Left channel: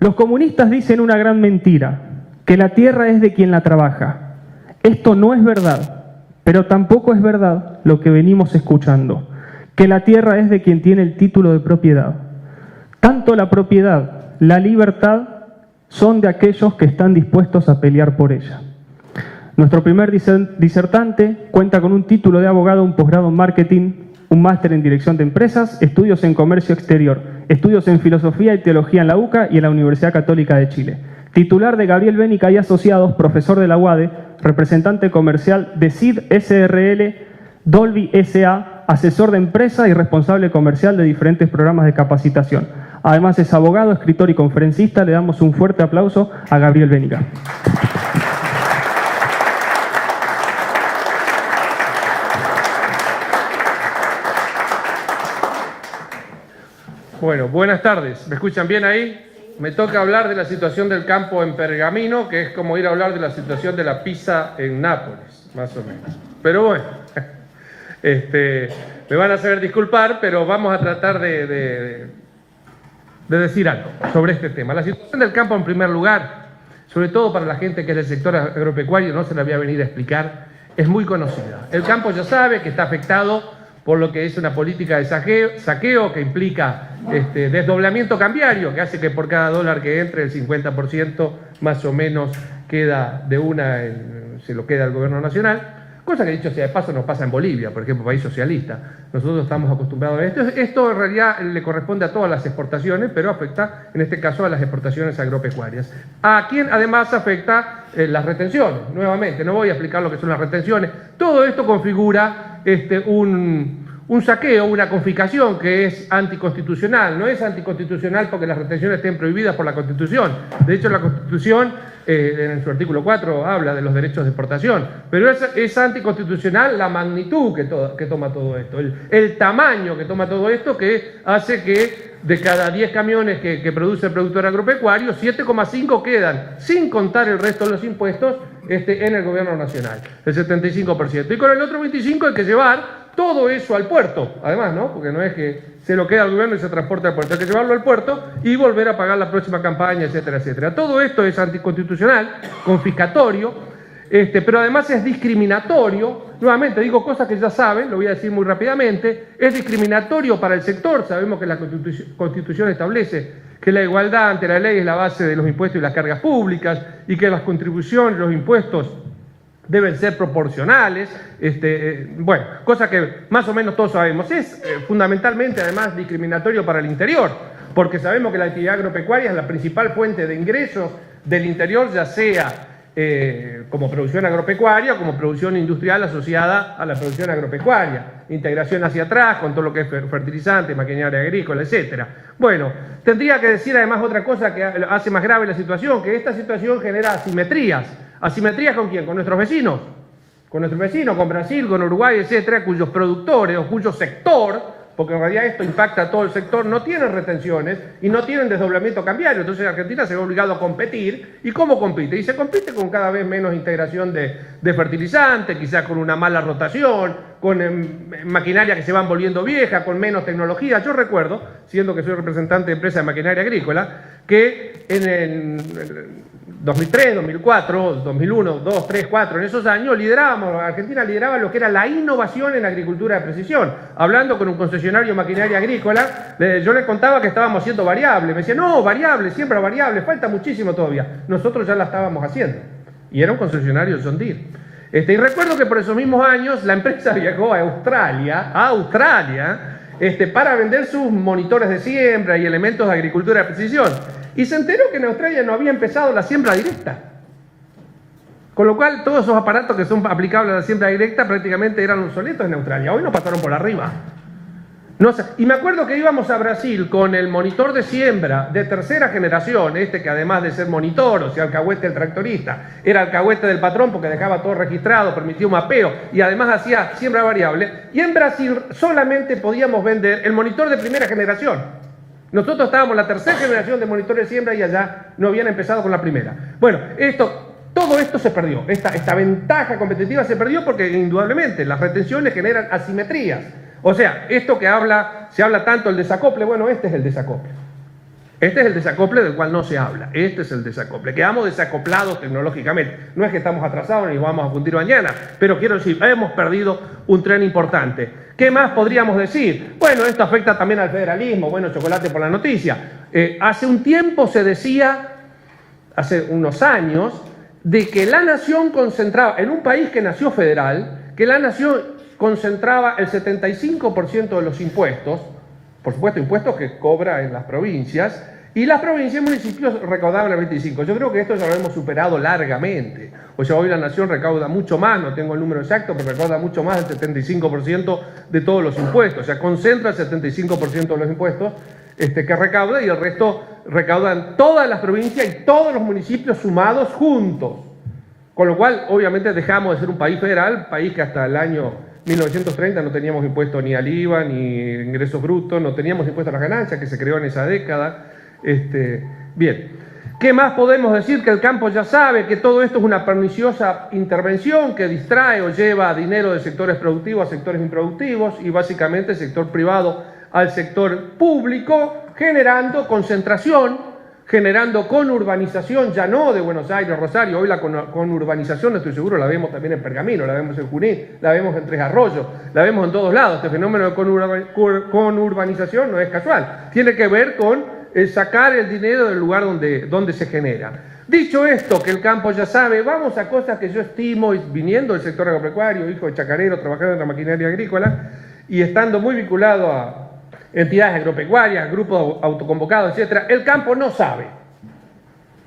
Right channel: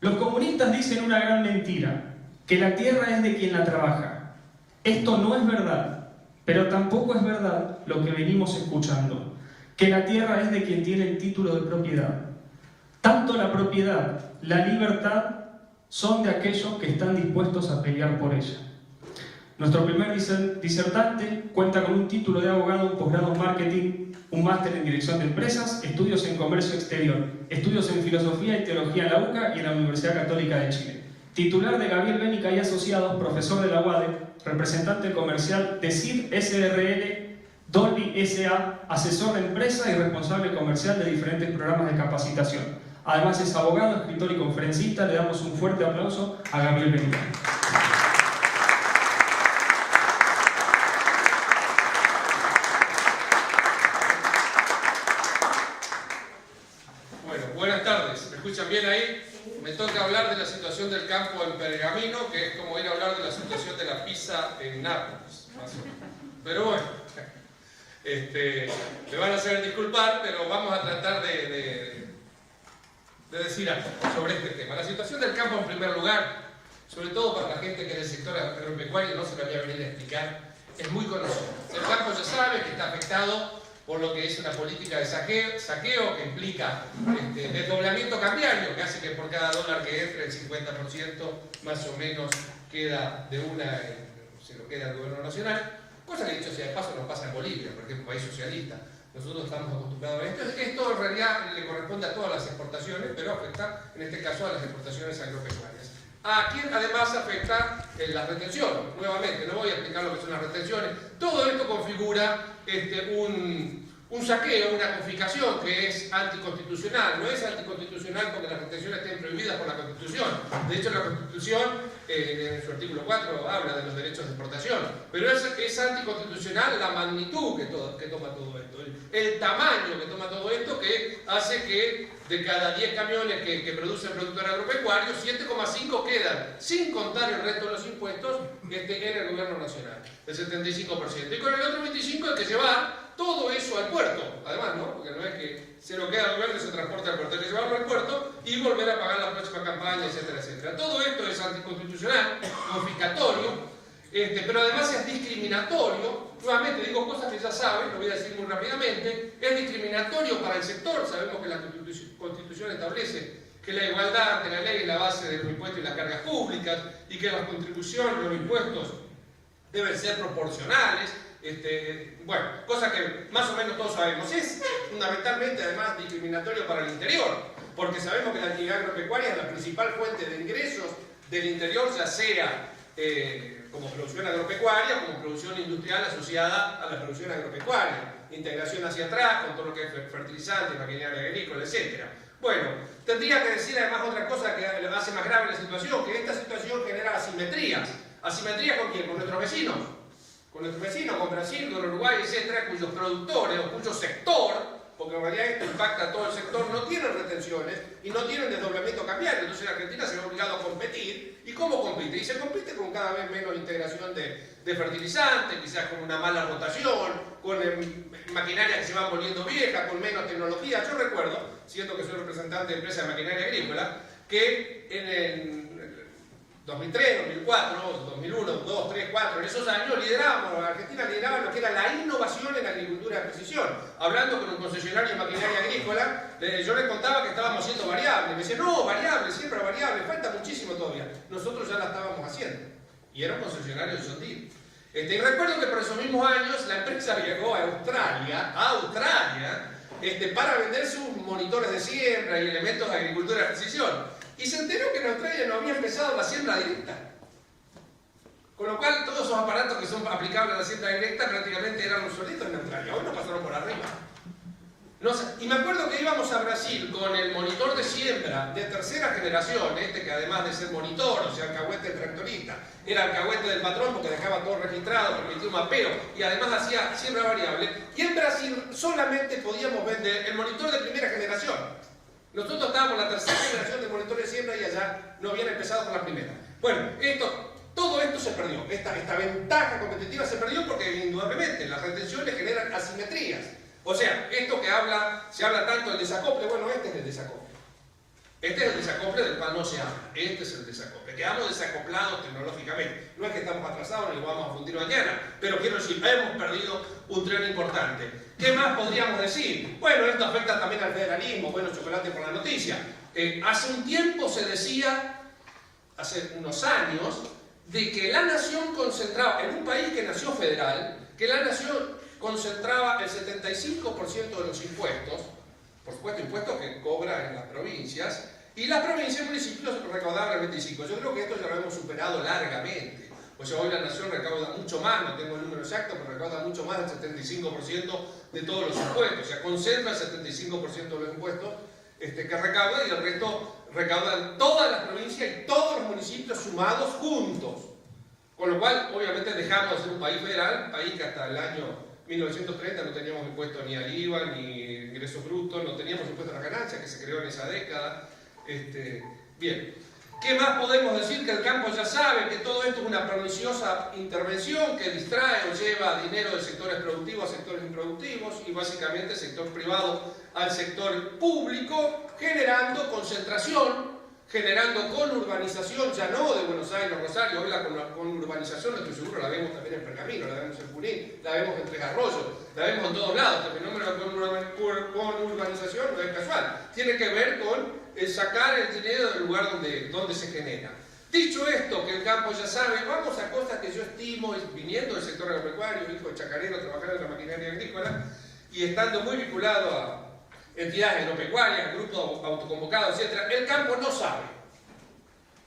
Los comunistas dicen una gran mentira, que la tierra es de quien la trabaja. Esto no es verdad, pero tampoco es verdad lo que venimos escuchando, que la tierra es de quien tiene el título de propiedad. Tanto la propiedad, la libertad, son de aquellos que están dispuestos a pelear por ella. Nuestro primer disertante cuenta con un título de abogado, un posgrado en marketing, un máster en dirección de empresas, estudios en comercio exterior, estudios en filosofía y teología en la UCA y en la Universidad Católica de Chile. Titular de Gabriel Bénica y Asociados, profesor de la UADE, representante comercial de CID SRL, Dolby SA, asesor de empresa y responsable comercial de diferentes programas de capacitación. Además es abogado, escritor y conferencista. Le damos un fuerte aplauso a Gabriel Bénica. Bueno, buenas tardes. ¿Me escuchan bien ahí? Me toca hablar de la situación del campo en Pergamino, que es como ir a hablar de la situación de la pizza en Nápoles, más o menos. Pero bueno, me van a hacer disculpar, pero vamos a tratar de decir algo sobre este tema. La situación del campo, en primer lugar, sobre todo para la gente que es del sector agropecuario, no se la voy a venir a explicar, es muy conocida. El campo ya sabe que está afectado por lo que es una política de saqueo que implica desdoblamiento cambiario, que hace que por cada dólar que entre el 50% más o menos queda se lo queda al gobierno nacional, cosa que dicho sea de paso no pasa en Bolivia, por ejemplo, país socialista. Nosotros estamos acostumbrados a esto. Esto en realidad le corresponde a todas las exportaciones, pero afecta en este caso a las exportaciones agropecuarias. A quien además afecta las retenciones. Nuevamente, no voy a explicar lo que son las retenciones. Todo esto configura un saqueo, una confiscación que es anticonstitucional. No es anticonstitucional porque las retenciones estén prohibidas por la Constitución. De hecho, la Constitución, en su artículo 4, habla de los derechos de exportación. Pero es anticonstitucional la magnitud que toma todo esto, el tamaño que toma todo esto, que hace que de cada 10 camiones que produce el productor agropecuario, 7,5 quedan, sin contar el resto de los impuestos, en el gobierno nacional, el 75%. Y con el otro 25% hay que llevar todo eso al puerto, además, ¿no? Porque no es que se lo queda al gobierno y se transporta al puerto, hay que llevarlo al puerto y volver a pagar la próxima campaña, etcétera, etcétera. Todo esto es anticonstitucional, confiscatorio, pero además es discriminatorio. Nuevamente digo cosas que ya saben, lo voy a decir muy rápidamente. Es discriminatorio para el sector. Sabemos que la Constitución establece que la igualdad ante la ley es la base de los impuestos y las cargas públicas, y que las contribuciones, los impuestos deben ser proporcionales, bueno, cosa que más o menos todos sabemos. Es fundamentalmente además discriminatorio para el interior, porque sabemos que la actividad agropecuaria es la principal fuente de ingresos del interior, ya sea como producción agropecuaria o como producción industrial asociada a la producción agropecuaria. Integración hacia atrás con todo lo que es fertilizante, maquinaria agrícola, etc. Bueno, tendría que decir además otra cosa que hace más grave la situación, que esta situación genera asimetrías. ¿Asimetrías con quién? Con nuestros vecinos. Con nuestros vecinos, con Brasil, con Uruguay, etcétera, cuyos productores o cuyo sector, porque en realidad esto impacta a todo el sector, no tienen retenciones y no tienen desdoblamiento cambiario. Entonces Argentina se ve obligado a competir. ¿Y cómo compite? Y se compite con cada vez menos integración de fertilizantes, quizás con una mala rotación, con maquinaria que se van volviendo vieja, con menos tecnología. Yo recuerdo, siendo que soy representante de empresa de maquinaria agrícola, que en el 2003, 2004, 2001, 2, 3, 4, en esos años Argentina lideraba lo que era la innovación en la agricultura de precisión. Hablando con un concesionario de maquinaria agrícola, yo le contaba que estábamos haciendo variable. Me decía, no, variable, siempre variable, falta muchísimo todavía. Nosotros ya la estábamos haciendo. Y era un concesionario de John Deere. Y recuerdo que por esos mismos años la empresa viajó a Australia, para vender sus monitores de siembra y elementos de agricultura de precisión. Y se enteró que en Australia no había empezado la siembra directa. Con lo cual, todos esos aparatos que son aplicables a la siembra directa prácticamente eran obsoletos en Australia. Hoy nos pasaron por arriba. No sé. Y me acuerdo que íbamos a Brasil con el monitor de siembra de tercera generación, que además de ser monitor, o sea, alcahuete del tractorista, era alcahuete del patrón porque dejaba todo registrado, permitía un mapeo y además hacía siembra variable. Y en Brasil solamente podíamos vender el monitor de primera generación. Nosotros estábamos en la tercera generación de monitores de siembra y allá no habían empezado con la primera. Bueno, todo esto se perdió. Esta ventaja competitiva se perdió porque indudablemente las retenciones generan asimetrías. O sea, esto que se habla tanto del desacople, bueno, este es el desacople. Este es el desacople del cual no se habla. Este es el desacople. Quedamos desacoplados tecnológicamente. No es que estamos atrasados ni vamos a fundir mañana, pero quiero decir, hemos perdido un tren importante. ¿Qué más podríamos decir? Bueno, esto afecta también al federalismo. Bueno, chocolate por la noticia. Hace un tiempo se decía, hace unos años, de que la nación concentraba, en un país que nació federal, que la nación concentraba el 75% de los impuestos, por supuesto impuestos que cobra en las provincias, y las provincias y municipios recaudaban el 25%. Yo creo que esto ya lo hemos superado largamente. O sea, hoy la nación recauda mucho más, no tengo el número exacto, pero recauda mucho más del 75% de todos los impuestos. O sea, concentra el 75% de los impuestos que recauda y el resto recaudan todas las provincias y todos los municipios sumados juntos. Con lo cual, obviamente, dejamos de ser un país federal, país que hasta el año 1930 no teníamos impuesto ni al IVA, ni ingresos brutos, no teníamos impuesto a las ganancias, que se creó en esa década. Bien, ¿qué más podemos decir? Que el campo ya sabe que todo esto es una perniciosa intervención que distrae o lleva dinero de sectores productivos a sectores improductivos y básicamente el sector privado al sector público, generando concentración, generando conurbanización, ya no de Buenos Aires, Rosario. Hoy la conurbanización, estoy seguro, la vemos también en Pergamino, la vemos en Junín, la vemos en Tres Arroyos, la vemos en todos lados. Este fenómeno de conurbanización no es casual, tiene que ver con sacar el dinero del lugar donde se genera. Dicho esto, que el campo ya sabe, vamos a cosas que yo estimo, viniendo del sector agropecuario, hijo de chacarero, trabajando en la maquinaria agrícola y estando muy vinculado a entidades agropecuarias, grupos autoconvocados, etc. El campo no sabe.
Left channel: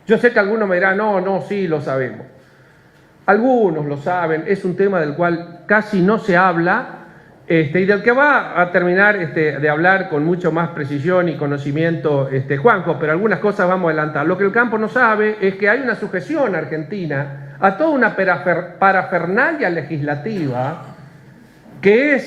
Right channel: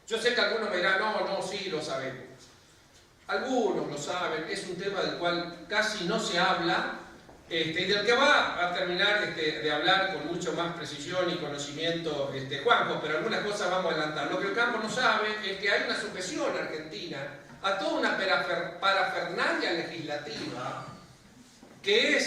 Yo sé que algunos me dirán, no, sí, lo sabemos. Algunos lo saben, es un tema del cual casi no se habla y del que va a terminar de hablar con mucho más precisión y conocimiento Juanjo, pero algunas cosas vamos a adelantar. Lo que el campo no sabe es que hay una sujeción argentina a toda una parafernalia legislativa que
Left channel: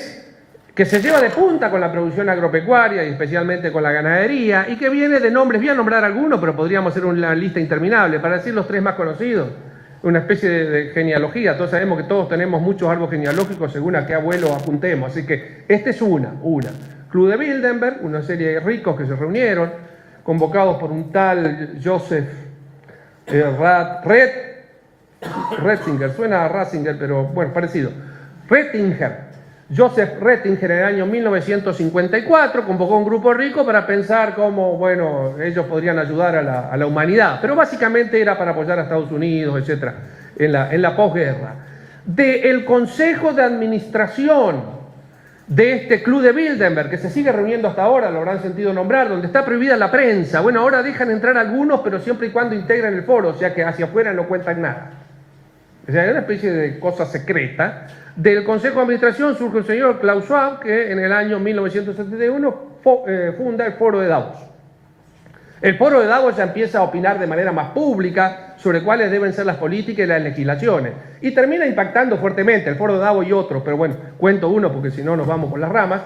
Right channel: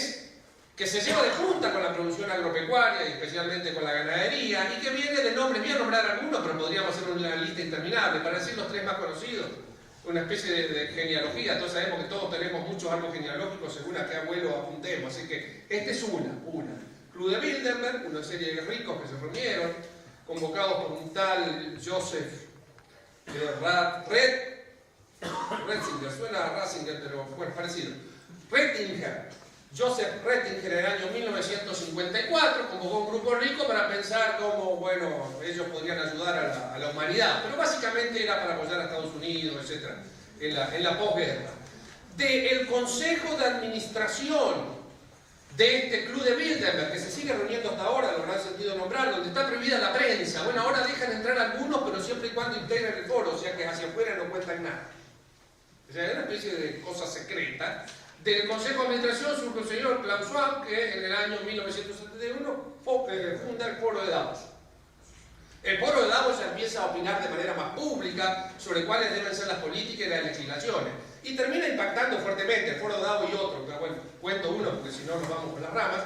se lleva de punta con la producción agropecuaria y especialmente con la ganadería y que viene de nombres, voy a nombrar algunos, pero podríamos hacer una lista interminable, para decir los tres más conocidos, una especie de genealogía. Todos sabemos que todos tenemos muchos árboles genealógicos según a qué abuelo apuntemos, así que esta es una. Club de Bilderberg, una serie de ricos que se reunieron, convocados por un tal Joseph Ratzinger, suena a Ratzinger, pero bueno, parecido. Joseph Ratzinger en el año 1954 convocó un grupo rico para pensar cómo, bueno, ellos podrían ayudar a la humanidad, pero básicamente era para apoyar a Estados Unidos, etc., en la posguerra. Del Consejo de Administración de este Club de Bilderberg, que se sigue reuniendo hasta ahora, lo habrán sentido nombrar, donde está prohibida la prensa. Bueno, ahora dejan entrar algunos, pero siempre y cuando integren el foro, o sea que hacia afuera no cuentan nada. O sea, es una especie de cosa secreta. Del Consejo de Administración surge el señor Klaus Schwab, que en el año 1971 funda el Foro de Davos. El Foro de Davos ya empieza a opinar de manera más pública sobre cuáles deben ser las políticas y las legislaciones. Y termina impactando fuertemente el Foro de Davos y otros, pero bueno, cuento uno porque si no nos vamos por las ramas.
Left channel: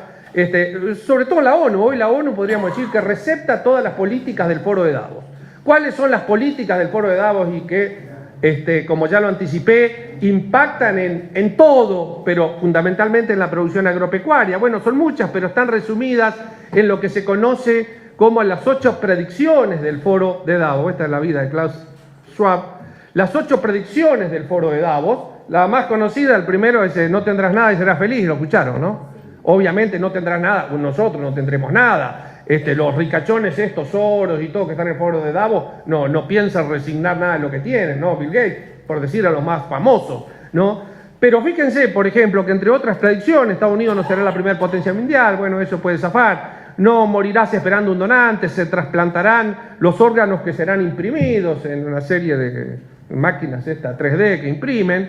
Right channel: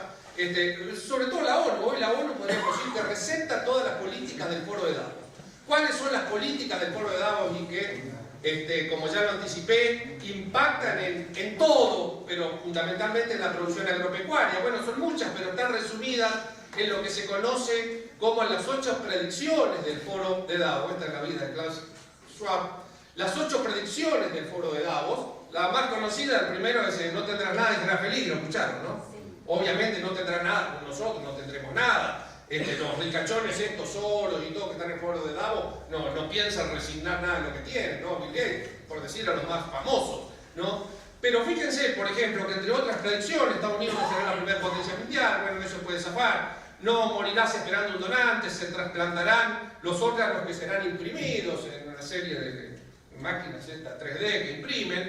Sobre todo la ONU. Hoy la ONU podríamos decir que recepta todas las políticas del Foro de Davos. ¿Cuáles son las políticas del Foro de Davos y que como ya lo anticipé, impactan en todo, pero fundamentalmente en la producción agropecuaria? Bueno, son muchas, pero están resumidas en lo que se conoce como las 8 predicciones del Foro de Davos. Esta es la vida de Klaus Schwab. Las 8 predicciones del Foro de Davos. La más conocida, el primero es no tendrás nada y serás feliz, lo escucharon, ¿no? Obviamente no tendrás nada, nosotros no tendremos nada. Los ricachones estos, Soros y todo que están en el Foro de Davos, no piensan resignar nada de lo que tienen, ¿no? Bill Gates, por decir a los más famosos, ¿no? Pero fíjense, por ejemplo, que entre otras predicciones, Estados Unidos no será la primera potencia mundial, bueno, eso puede zafar. No morirás esperando un donante, se trasplantarán los órganos que serán imprimidos en una serie de máquinas 3D que imprimen.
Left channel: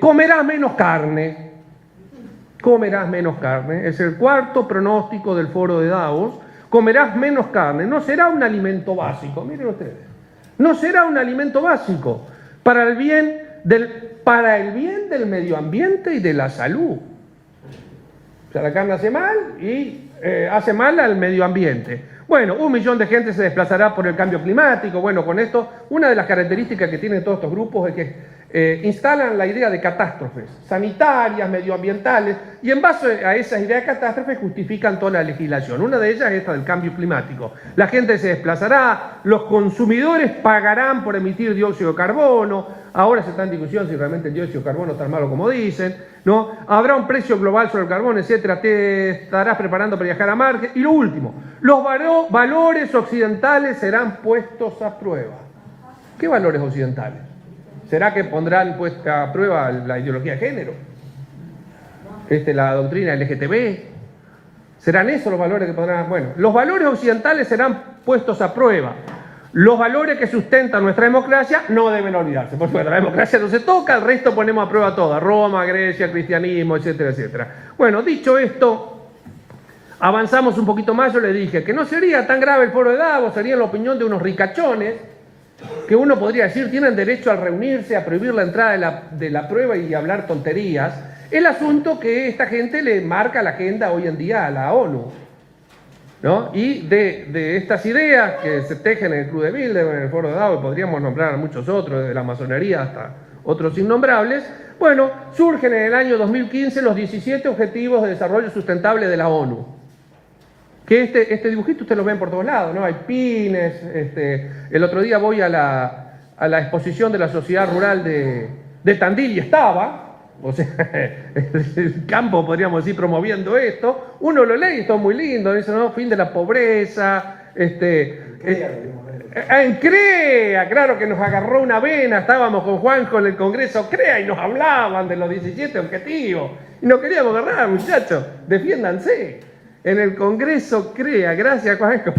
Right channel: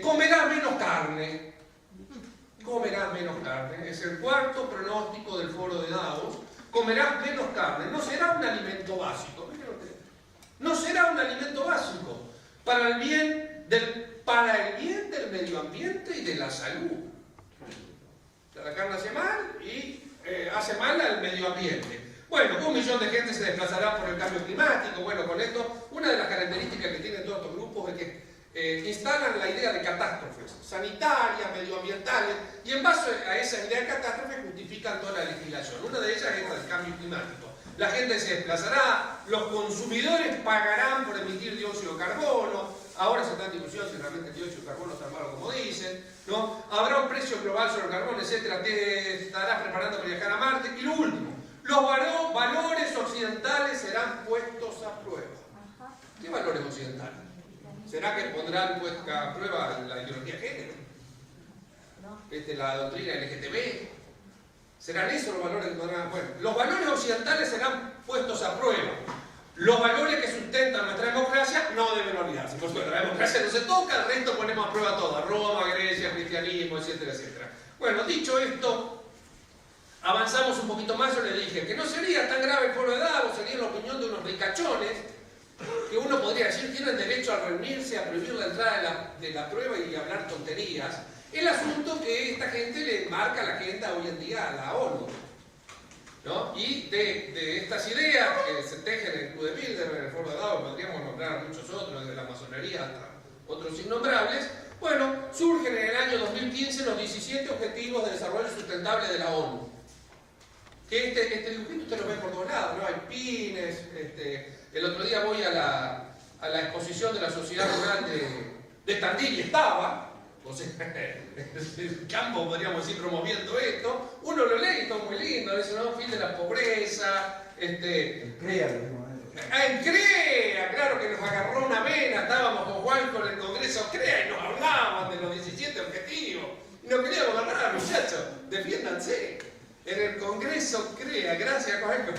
Comerás menos carne. Comerás menos carne. Es el cuarto pronóstico del Foro de Davos. Comerás menos carne. No será un alimento básico. Miren ustedes. No será un alimento básico para el bien del medio ambiente y de la salud. O sea, la carne hace mal y hace mal al medio ambiente. Bueno, 1 millón de gente se desplazará por el cambio climático. Bueno, con esto, una de las características que tienen todos estos grupos es que instalan la idea de catástrofes sanitarias, medioambientales, y en base a esa idea de catástrofes justifican toda la legislación. Una de ellas es esta del cambio climático. La gente se desplazará, los consumidores pagarán por emitir dióxido de carbono, ahora se está en discusión si realmente el dióxido de carbono es tan malo como dicen, ¿no? Habrá un precio global sobre el carbón, etcétera, te estarás preparando para viajar a Marte. Y lo último, los valores occidentales serán puestos a prueba. ¿Qué valores occidentales? ¿Será que pondrán puesta a prueba la ideología de género? La doctrina LGTB. ¿Serán esos los valores que pondrán? Bueno, los valores occidentales serán puestos a prueba. Los valores que sustentan nuestra democracia no deben olvidarse. Por supuesto, la democracia no se toca, el resto ponemos a prueba toda. Roma, Grecia, cristianismo, etcétera, etcétera. Bueno, dicho esto, avanzamos un poquito más. Yo le dije que no sería tan grave el foro de Davos, sería la opinión de unos ricachones, que uno podría decir tienen derecho a reunirse, a prohibir la entrada de la prueba y hablar tonterías. El asunto que esta gente le marca la agenda hoy en día a la ONU, ¿no? Y de estas ideas que se tejen en el Club de Bilderberg, en el foro de Davos, podríamos nombrar a muchos otros, desde la masonería hasta otros innombrables, bueno, surgen en el año 2015 los 17 Objetivos de Desarrollo Sustentable de la ONU. Que este dibujito ustedes lo ven por todos lados, ¿no? Hay pines, el otro día voy a la exposición de la Sociedad Rural de Tandil y estaba, o sea, el campo podríamos decir promoviendo esto, uno lo lee y está muy lindo, dice, ¿no? Fin de la pobreza, en CREA, claro que nos agarró una vena, estábamos con Juanjo en el Congreso CREA y nos hablaban de los 17 objetivos, y nos queríamos agarrar, muchachos, defiéndanse. En el Congreso CREA, gracias Juanjo.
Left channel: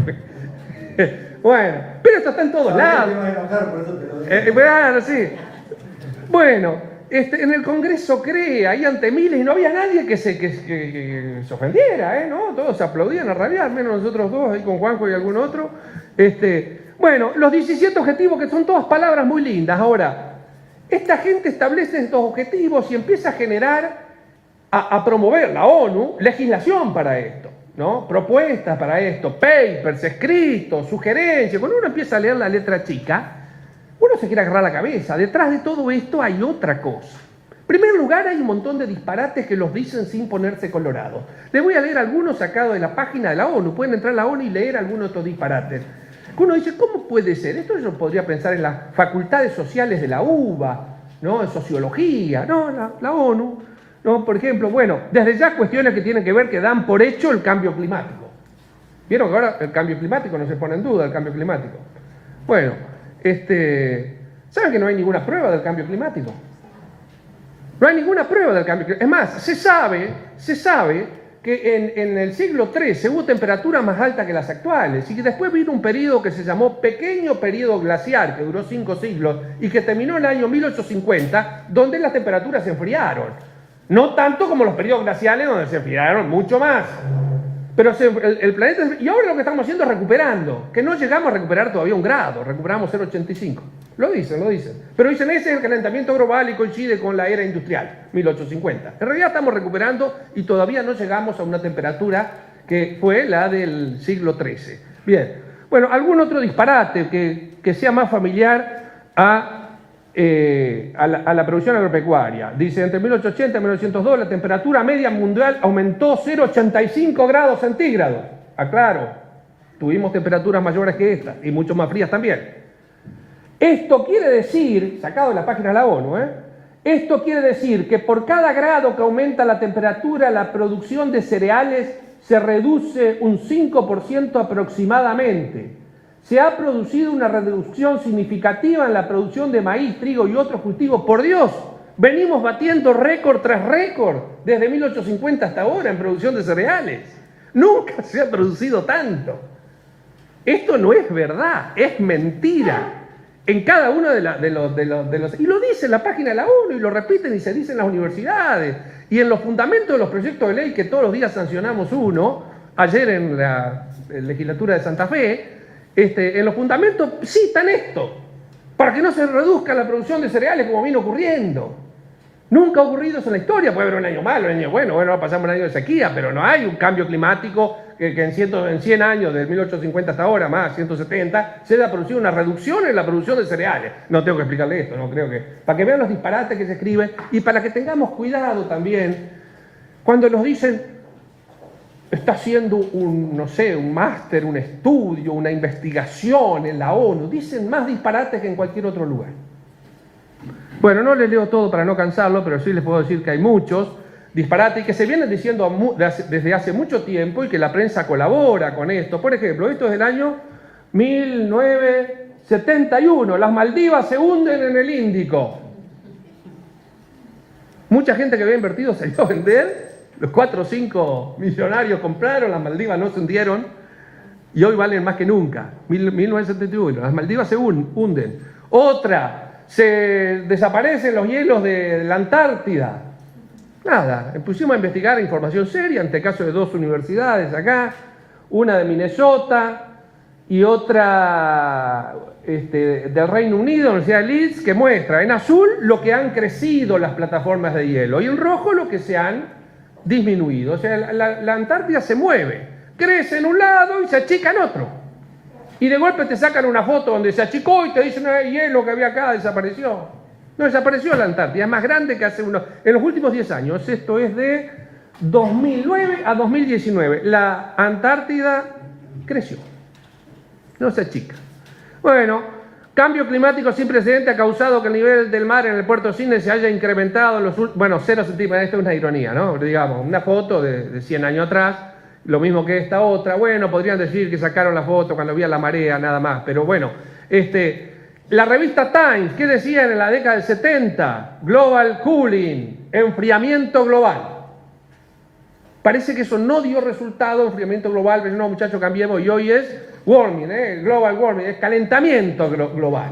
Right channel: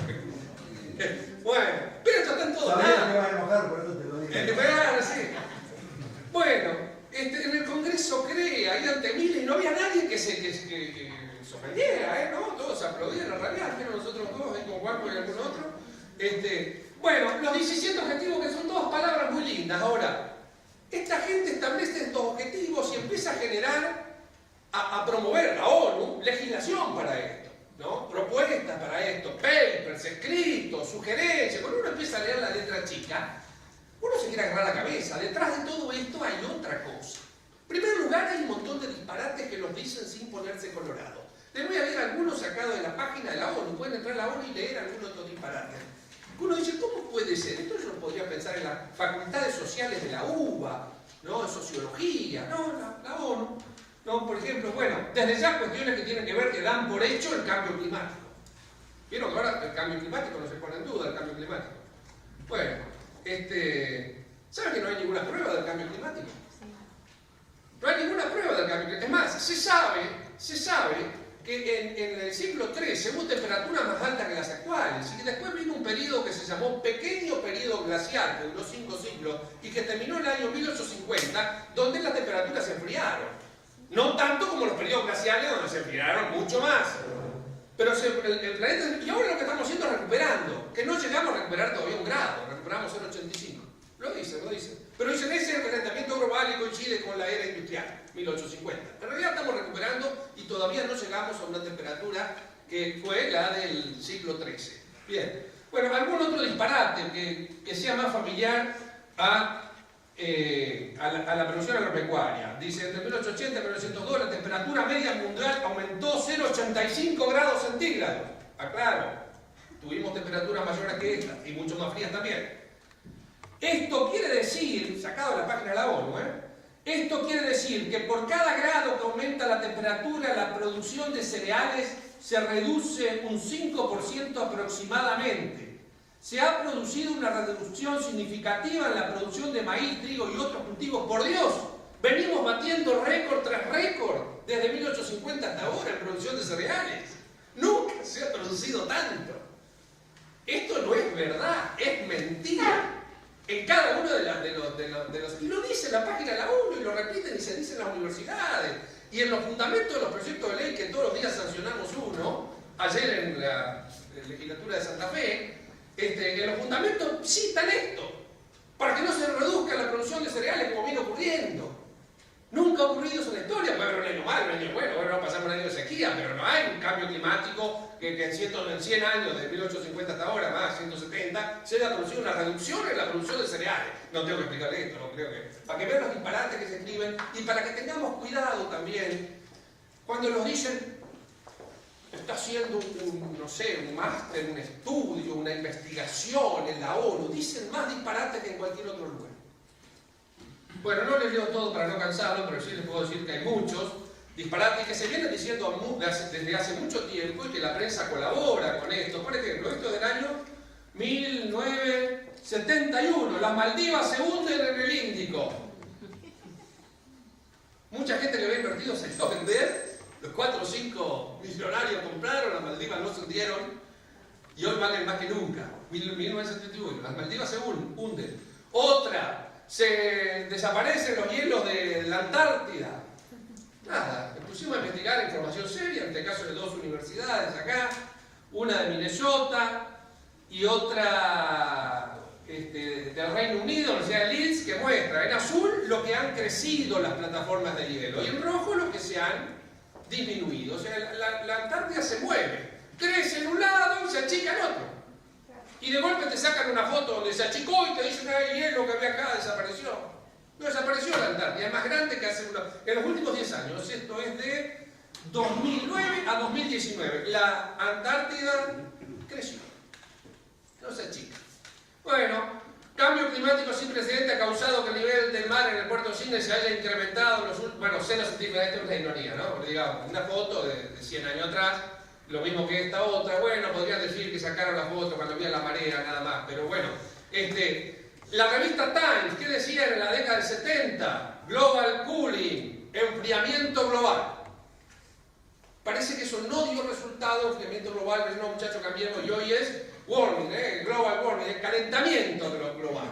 Bueno, pero esto está en todos lados. Bueno, sí. Bueno, en el Congreso CREA, ahí ante miles, y no había nadie que se ofendiera, ¿no? Todos aplaudían a rabiar, menos nosotros dos, ahí con Juanjo y algún otro. Bueno, los 17 objetivos, que son todas palabras muy lindas. Ahora, esta gente establece estos objetivos y empieza a generar, a promover la ONU legislación para esto, ¿no? Propuestas para esto, papers, escritos, sugerencias. Cuando uno empieza a leer la letra chica, uno se quiere agarrar la cabeza. Detrás de todo esto hay otra cosa. En primer lugar, hay un montón de disparates que los dicen sin ponerse colorados. Les voy a leer algunos sacados de la página de la ONU. Pueden entrar a la ONU y leer algunos de estos disparates. Uno dice, ¿cómo puede ser? Esto yo podría pensar en las facultades sociales de la UBA, ¿no? En sociología, ¿no? La ONU, ¿no? Por ejemplo, bueno, desde ya cuestiones que tienen que ver, que dan por hecho el cambio climático. ¿Vieron que ahora el cambio climático no se pone en duda, el cambio climático? Bueno, ¿saben que no hay ninguna prueba del cambio climático? No hay ninguna prueba del cambio climático. Es más, se sabe que en el siglo XIII hubo temperaturas más altas que las actuales y que después vino un periodo que se llamó pequeño periodo glaciar, que duró 5 siglos y que terminó en el año 1850, donde las temperaturas se enfriaron. No tanto como los periodos glaciales, donde se enfriaron mucho más. Pero el planeta... Y ahora lo que estamos haciendo es recuperando, que no llegamos a recuperar todavía 1 grado, recuperamos 0,85. Lo dicen. Pero dicen, ese es el calentamiento global y coincide con la era industrial, 1850. En realidad estamos recuperando y todavía no llegamos a una temperatura que fue la del siglo XIII. Bien, bueno, algún otro disparate que sea más familiar a la producción agropecuaria. Dice, entre 1880 y 1902 la temperatura media mundial aumentó 0,85 grados centígrados. Aclaro, tuvimos temperaturas mayores que esta y mucho más frías también. Esto quiere decir, sacado de la página de la ONU, esto quiere decir que por cada grado que aumenta la temperatura, la producción de cereales se reduce un 5% aproximadamente. Se ha producido una reducción significativa en la producción de maíz, trigo y otros cultivos. Por Dios, venimos batiendo récord tras récord desde 1850 hasta ahora en producción de cereales. Nunca se ha producido tanto. Esto no es verdad, es mentira. En cada uno de los... Y lo dice en la página de la ONU, y lo repiten y se dice en las universidades. Y en los fundamentos de los proyectos de ley, que todos los días sancionamos uno, ayer en la legislatura de Santa Fe, en los fundamentos citan esto, para que no se reduzca la producción de cereales como viene ocurriendo. Nunca ha ocurrido eso en la historia. Puede haber un año malo, un año bueno, va a pasar un año de sequía, pero no hay un cambio climático que en 100 años, de 1850 hasta ahora, más 170, se haya producido una reducción en la producción de cereales. No tengo que explicarle esto, no creo que... Para que vean los disparates que se escriben y para que tengamos cuidado también cuando nos dicen, está haciendo un, no sé, un máster, un estudio, una investigación en la ONU, dicen más disparates que en cualquier otro lugar. Bueno, no les leo todo para no cansarlo, pero sí les puedo decir que hay muchos disparates que se vienen diciendo desde hace mucho tiempo y que la prensa colabora con esto. Por ejemplo, esto es del año 1971, las Maldivas se hunden en el Índico. Mucha gente que había invertido salió a vender, los 4 o 5 millonarios compraron, las Maldivas no se hundieron y hoy valen más que nunca. 1971, las Maldivas se hunden. Otra, se desaparecen los hielos de la Antártida. Nada, pusimos a investigar información seria, ante el caso de 2 universidades acá, una de Minnesota y otra del Reino Unido, la Universidad de Leeds, que muestra en azul lo que han crecido las plataformas de hielo y en rojo lo que se han disminuido. O sea, la Antártida se mueve, crece en un lado y se achica en otro. Y de golpe te sacan una foto donde se achicó y te dicen, no, el hielo que había acá desapareció. No desapareció la Antártida, es más grande que hace en los últimos 10 años. Esto es de 2009 a 2019. La Antártida creció, no se achica. Bueno, cambio climático sin precedente ha causado que el nivel del mar en el puerto de Sydney se haya incrementado en los últimos... Bueno, 0 centímetros, esto es una ironía, ¿no? Digamos, una foto de 100 años atrás. Lo mismo que esta otra, bueno, podrían decir que sacaron la foto cuando había la marea, nada más, pero bueno, la revista Times, ¿qué decía en la década del 70? Global cooling, enfriamiento global. Parece que eso no dio resultado, enfriamiento global, pero no, muchachos, cambiemos, y hoy es warming, global warming, es calentamiento global.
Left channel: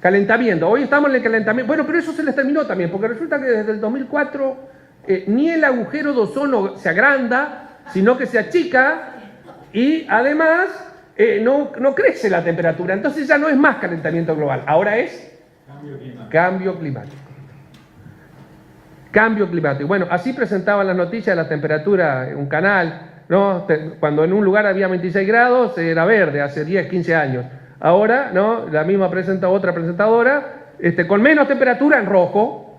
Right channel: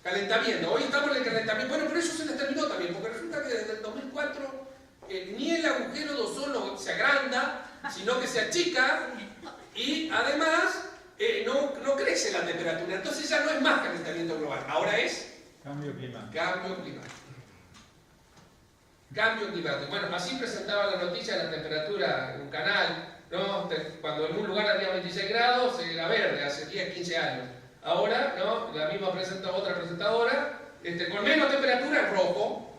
Calentamiento, hoy estamos en el calentamiento, bueno, pero eso se les terminó también, porque resulta que desde el 2004 ni el agujero de ozono se agranda, sino que se achica y además no crece la temperatura. Entonces ya no es más calentamiento global, ahora es cambio climático. Cambio climático. Bueno, así presentaban las noticias de la temperatura en un canal, ¿no? Cuando en un lugar había 26 grados era verde, hace 10, 15 años. Ahora, ¿no? La misma otra presentadora, con menos temperatura en rojo.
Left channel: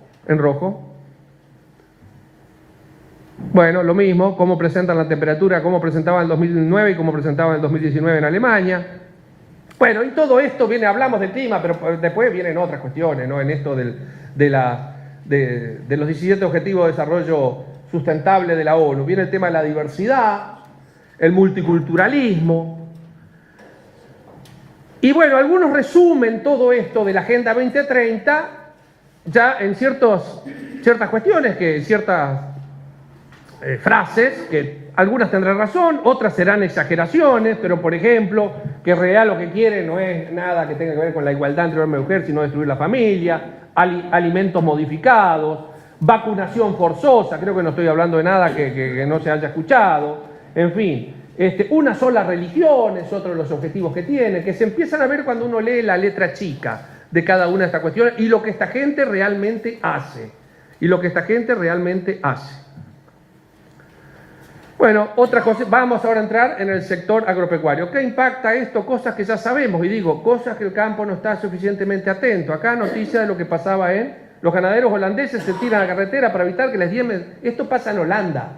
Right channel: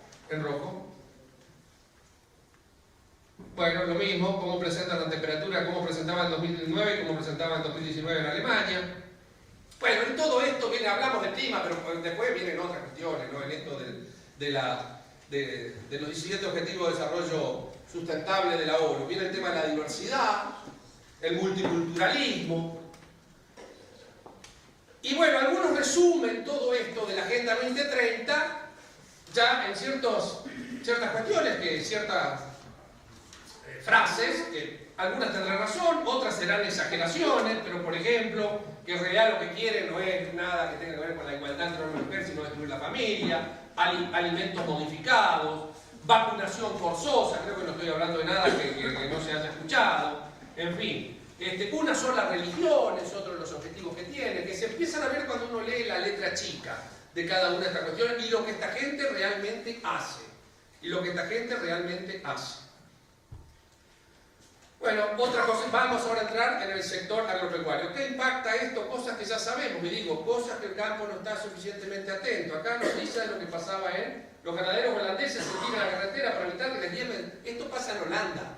Bueno, lo mismo, cómo presentan la temperatura, cómo presentaban en el 2009 y cómo presentaban en el 2019 en Alemania. Bueno, y todo esto hablamos del clima, pero después vienen otras cuestiones, ¿no? En esto de los 17 Objetivos de Desarrollo Sustentable de la ONU. Viene el tema de la diversidad, el multiculturalismo. Y bueno, algunos resumen todo esto de la Agenda 2030 ya en ciertas cuestiones, ciertas frases, que algunas tendrán razón, otras serán exageraciones, pero por ejemplo, que en realidad lo que quiere no es nada que tenga que ver con la igualdad entre hombre y mujer, sino destruir la familia, alimentos modificados, vacunación forzosa, creo que no estoy hablando de nada que no se haya escuchado, en fin, una sola religión es otro de los objetivos que tiene, que se empiezan a ver cuando uno lee la letra chica de cada una de estas cuestiones y lo que esta gente realmente hace. Bueno, otra cosa, vamos ahora a entrar en el sector agropecuario. ¿Qué impacta esto? Cosas que ya sabemos, y digo, cosas que el campo no está suficientemente atento. Acá noticia de lo que pasaba en los ganaderos holandeses se tiran a la carretera para evitar que les diemen. Esto pasa en Holanda.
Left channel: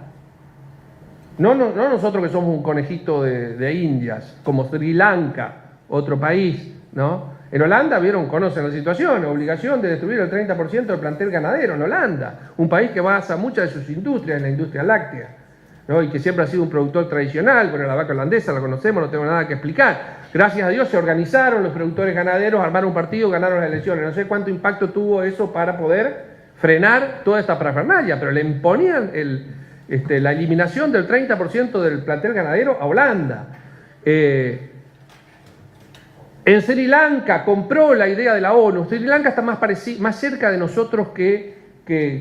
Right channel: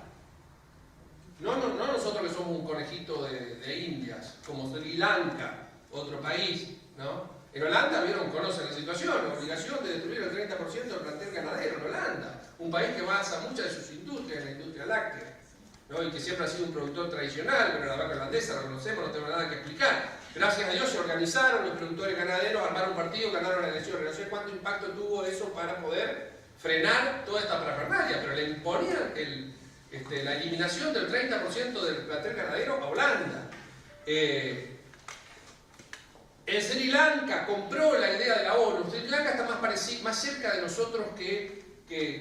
No nosotros que somos un conejito de Indias, como Sri Lanka, otro país, ¿no? En Holanda, conocen la situación, obligación de destruir el 30% del plantel ganadero en Holanda, un país que basa muchas de sus industrias en la industria láctea, ¿no? Y que siempre ha sido un productor tradicional, pero la vaca holandesa la conocemos, no tengo nada que explicar. Gracias a Dios se organizaron los productores ganaderos, armaron un partido, ganaron las elecciones. No sé cuánto impacto tuvo eso para poder frenar toda esta parafernalia, pero le imponían la eliminación del 30% del plantel ganadero a Holanda. En Sri Lanka compró la idea de la ONU. Sri Lanka está más cerca de nosotros que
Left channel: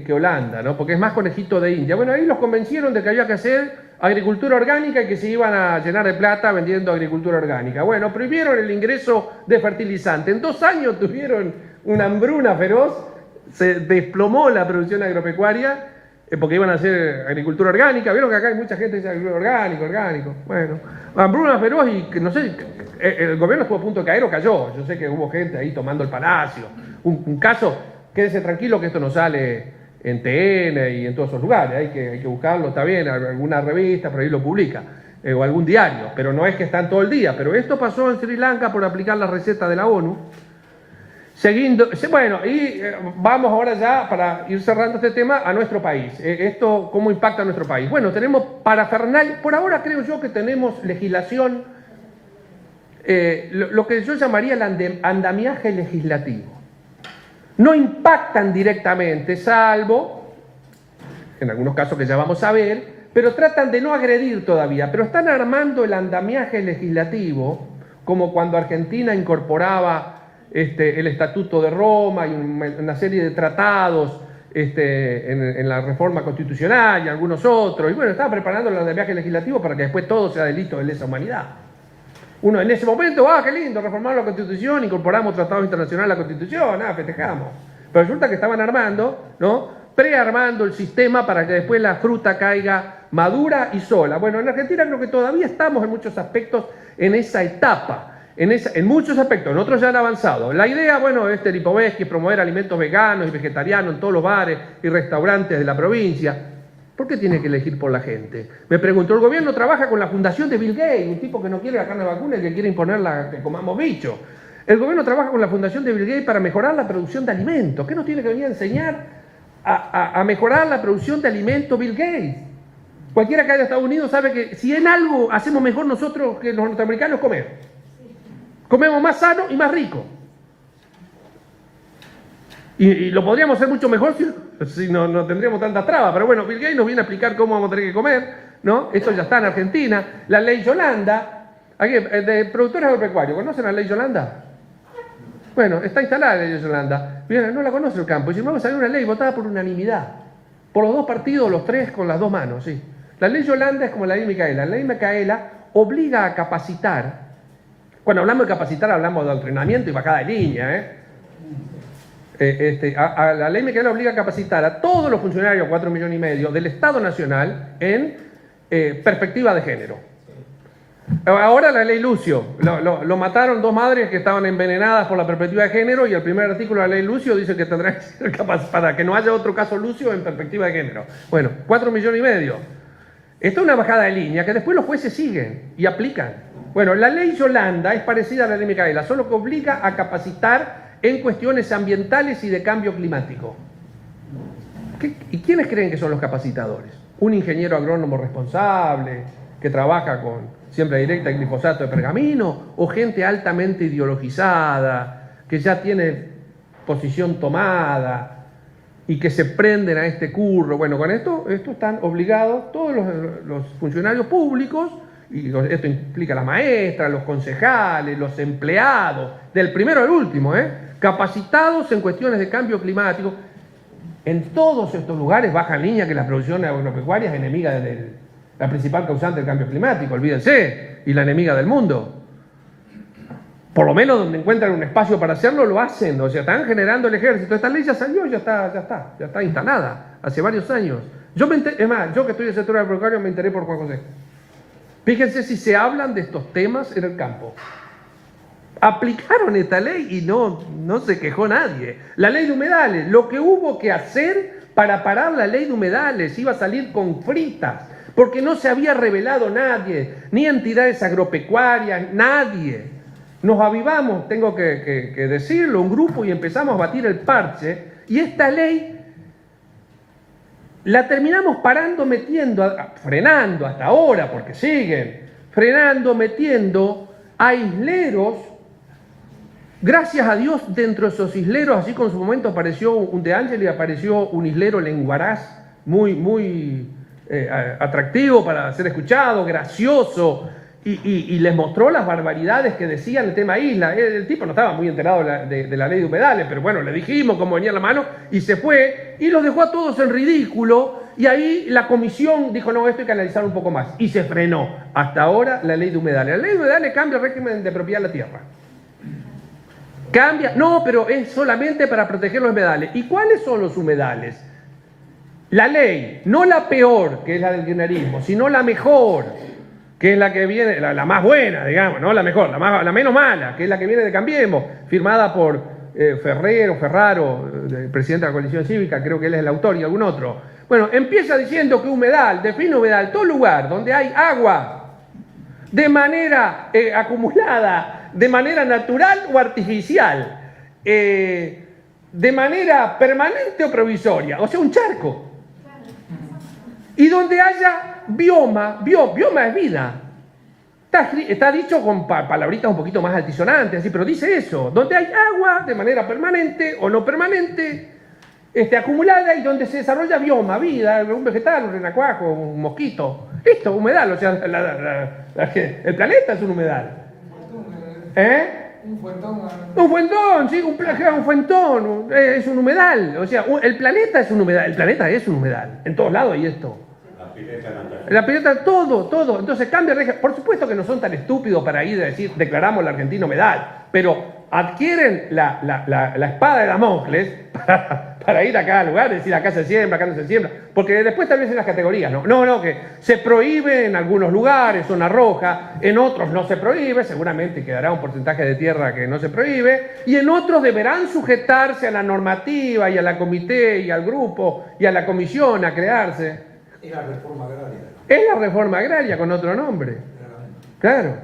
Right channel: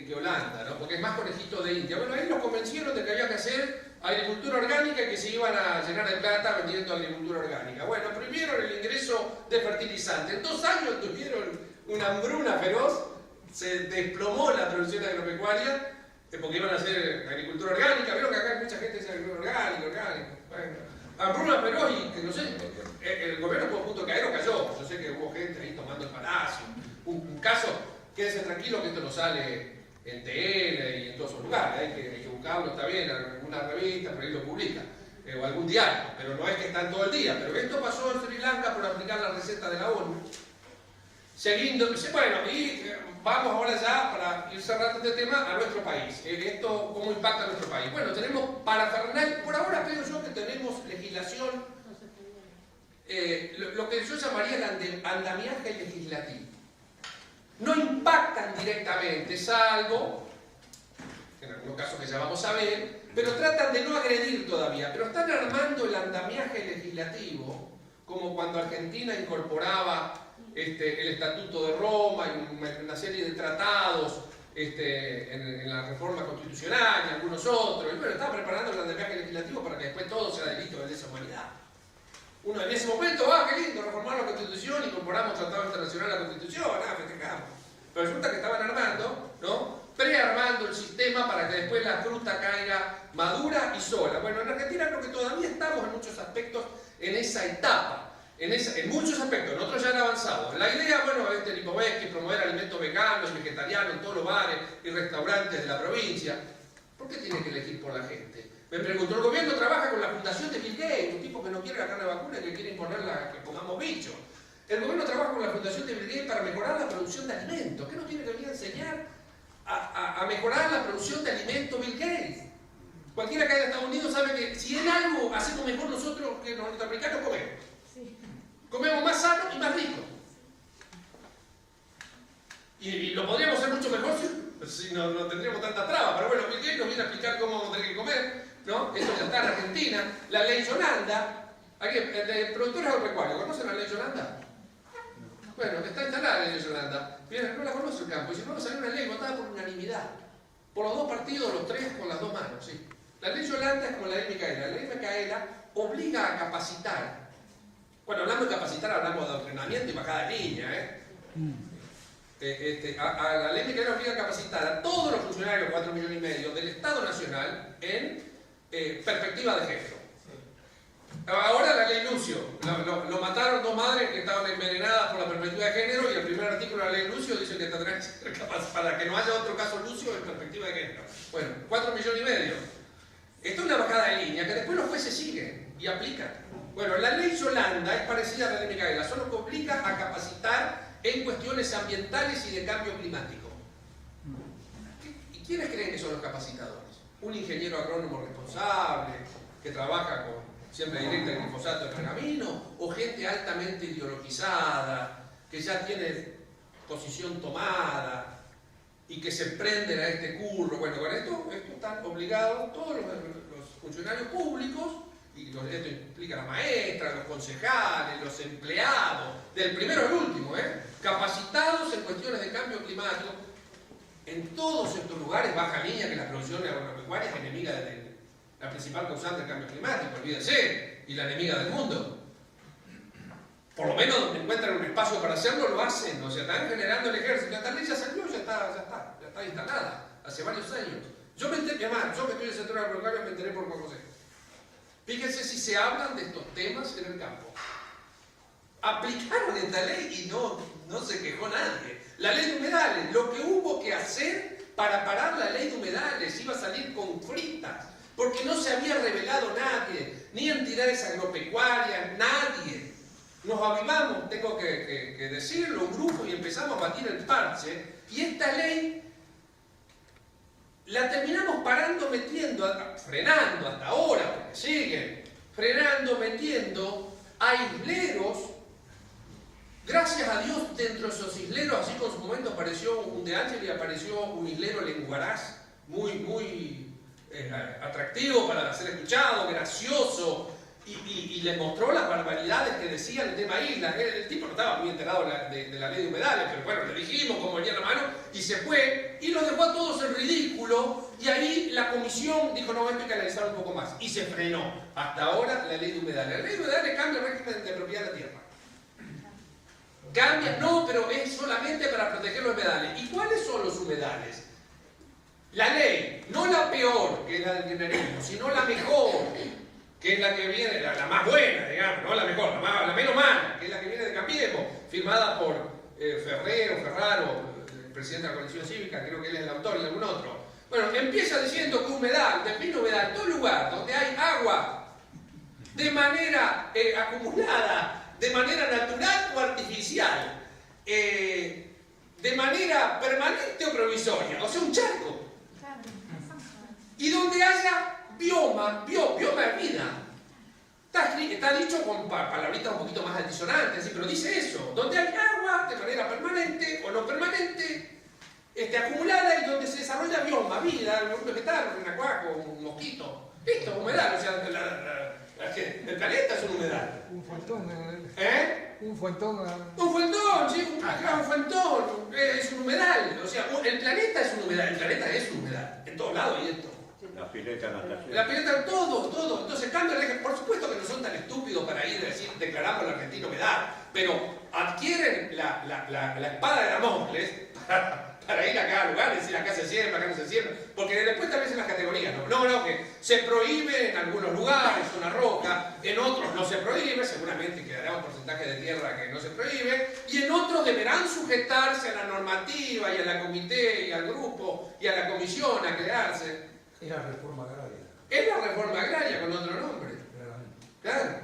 Holanda, ¿no? Porque es más conejito de India. Bueno, ahí los convencieron de que había que hacer agricultura orgánica y que se iban a llenar de plata vendiendo agricultura orgánica. Bueno, prohibieron el ingreso de fertilizante. En 2 años tuvieron una hambruna feroz, se desplomó la producción agropecuaria porque iban a hacer agricultura orgánica. Vieron que acá hay mucha gente que dice agricultura orgánico. Bueno, hambruna feroz y que no sé, el gobierno estuvo a punto de caer o cayó. Yo sé que hubo gente ahí tomando el palacio. Un caso, quédese tranquilo que esto no sale en TN y en todos esos lugares. Hay que buscarlo, está bien, alguna revista por ahí lo publica. O algún diario, pero no es que están todo el día. Pero esto pasó en Sri Lanka por aplicar la receta de la ONU. Bueno, y vamos ahora ya, para ir cerrando este tema, a nuestro país. Esto, ¿cómo impacta a nuestro país? Bueno, tenemos parafernalia. Por ahora creo yo que tenemos legislación, lo que yo llamaría el andamiaje legislativo. No impactan directamente, salvo, en algunos casos que ya vamos a ver, pero tratan de no agredir todavía, pero están armando el andamiaje legislativo, como cuando Argentina incorporaba el Estatuto de Roma y una serie de tratados en la reforma constitucional y algunos otros, y bueno, estaba preparando el andamiaje legislativo para que después todo sea delito de lesa humanidad. Uno en ese momento, qué lindo, reformar la Constitución, incorporamos tratados internacionales a la Constitución, festejamos. Pero resulta que estaban armando, ¿no?, prearmando el sistema para que después la fruta caiga madura y sola. Bueno, en Argentina creo que todavía estamos en muchos aspectos en esa etapa, en muchos aspectos, en otros ya han avanzado. La idea, bueno, Lipovetsky, es promover alimentos veganos y vegetarianos en todos los bares y restaurantes de la provincia. ¿Por qué tiene que elegir por la gente? Me pregunto, el gobierno trabaja con la fundación de Bill Gates, un tipo que no quiere la carne de vacuna y que quiere imponer que comamos bicho. El gobierno trabaja con la fundación de Bill Gates para mejorar la producción de alimentos. ¿Qué nos tiene que venir a enseñar a mejorar la producción de alimentos Bill Gates? Cualquiera que haya Estados Unidos sabe que si en algo hacemos mejor nosotros que los norteamericanos, comer. Comemos más sano y más rico. Y lo podríamos hacer mucho mejor si no tendríamos tantas trabas. Pero bueno, Bill Gates nos viene a explicar cómo vamos a tener que comer, ¿no? Esto ya está en Argentina. La ley Yolanda, aquí, de productores agropecuarios, ¿conocen la ley Yolanda? Bueno, está instalada la ley Yolanda. Miren, no la conoce el campo. Y si no, va a salir una ley votada por unanimidad. Por los dos partidos, los tres, con las dos manos, sí. La ley Yolanda es como la ley Micaela. La ley Micaela obliga a capacitar. Cuando hablamos de capacitar, hablamos de adoctrinamiento y bajada de línea, la ley Micaela obliga a capacitar a todos los funcionarios, 4,5 millones del Estado Nacional, en perspectiva de género. Ahora la ley Lucio, lo mataron dos madres que estaban envenenadas por la perspectiva de género, y el primer artículo de la ley Lucio dice que tendrá que ser capaz para que no haya otro caso Lucio en perspectiva de género. Bueno, 4,5 millones. Esto es una bajada de línea que después los jueces siguen y aplican. Bueno, la ley Yolanda es parecida a la ley Micaela, solo que obliga a capacitar en cuestiones ambientales y de cambio climático. ¿Y quiénes creen que son los capacitadores? Un ingeniero agrónomo responsable, que trabaja con siembra directa y glifosato de pergamino, o gente altamente ideologizada, que ya tiene posición tomada y que se prenden a este curro. Bueno, con esto están obligados todos los funcionarios públicos, y esto implica las maestras, los concejales, los empleados, del primero al último, capacitados en cuestiones de cambio climático. En todos estos lugares baja en línea que la producción agropecuaria es enemiga la principal causante del cambio climático, olvídense, y la enemiga del mundo. Por lo menos donde encuentran un espacio para hacerlo, lo hacen. O sea, están generando el ejército. Esta ley ya salió, ya está instalada, hace varios años. Yo que estoy en el sector agropecuario me enteré por Juan José. Fíjense si se hablan de estos temas en el campo. Aplicaron esta ley y no se quejó nadie. La ley de humedales, lo que hubo que hacer para parar la ley de humedales, iba a salir con fritas, porque no se había revelado nadie, ni entidades agropecuarias, nadie. Nos avivamos, tengo que decirlo, un grupo, y empezamos a batir el parche, y esta ley la terminamos frenando hasta ahora, porque siguen metiendo aisleros. Gracias a Dios, dentro de esos isleros, así como en su momento apareció un De Angeli, apareció un islero lenguaraz muy atractivo para ser escuchado, gracioso, y les mostró las barbaridades que decían el tema isla. El tipo no estaba muy enterado de la ley de humedales, pero bueno, le dijimos cómo venía la mano y se fue, y los dejó a todos en ridículo, y ahí la comisión dijo, no, esto hay que analizar un poco más, y se frenó. Hasta ahora la ley de humedales. La ley de humedales cambia el régimen de propiedad de la tierra. Cambia, no, pero es solamente para proteger los humedales. ¿Y cuáles son los humedales? La ley, no la peor, que es la del kirchnerismo, sino la mejor, que es la que viene, la más buena, digamos, no la mejor, la menos mala, que es la que viene de Cambiemos, firmada por Ferraro, el presidente de la coalición cívica, creo que él es el autor, y algún otro. Bueno, empieza diciendo que humedal, define humedal, todo lugar donde hay agua de manera acumulada, de manera natural o artificial, de manera permanente o provisoria, o sea, un charco. Y donde haya bioma es vida. Está dicho con palabritas un poquito más altisonantes, así, pero dice eso. Donde hay agua de manera permanente o no permanente, acumulada, y donde se desarrolla bioma, vida, un vegetal, un renacuajo, un mosquito. Esto, humedal, o sea, el planeta es un humedal. Un fuentón. Un fuentón, sí, un fuentón, es un humedal. O sea, el planeta es un humedal, el planeta es un humedal. En todos lados hay esto. La pileta, todo. Entonces cambia regla. Por supuesto que no son tan estúpidos para ir a decir, declaramos la Argentina humedal, pero adquieren la espada de Damocles para ir a cada lugar, decir acá se siembra, acá no se siembra, porque después tal vez en las categorías, no, que se prohíbe en algunos lugares, zona roja, en otros no se prohíbe, seguramente quedará un porcentaje de tierra que no se prohíbe, y en otros deberán sujetarse a la normativa y a la comité y al grupo y a la comisión a crearse. Es la reforma agraria. Es la reforma agraria con otro nombre. Claro.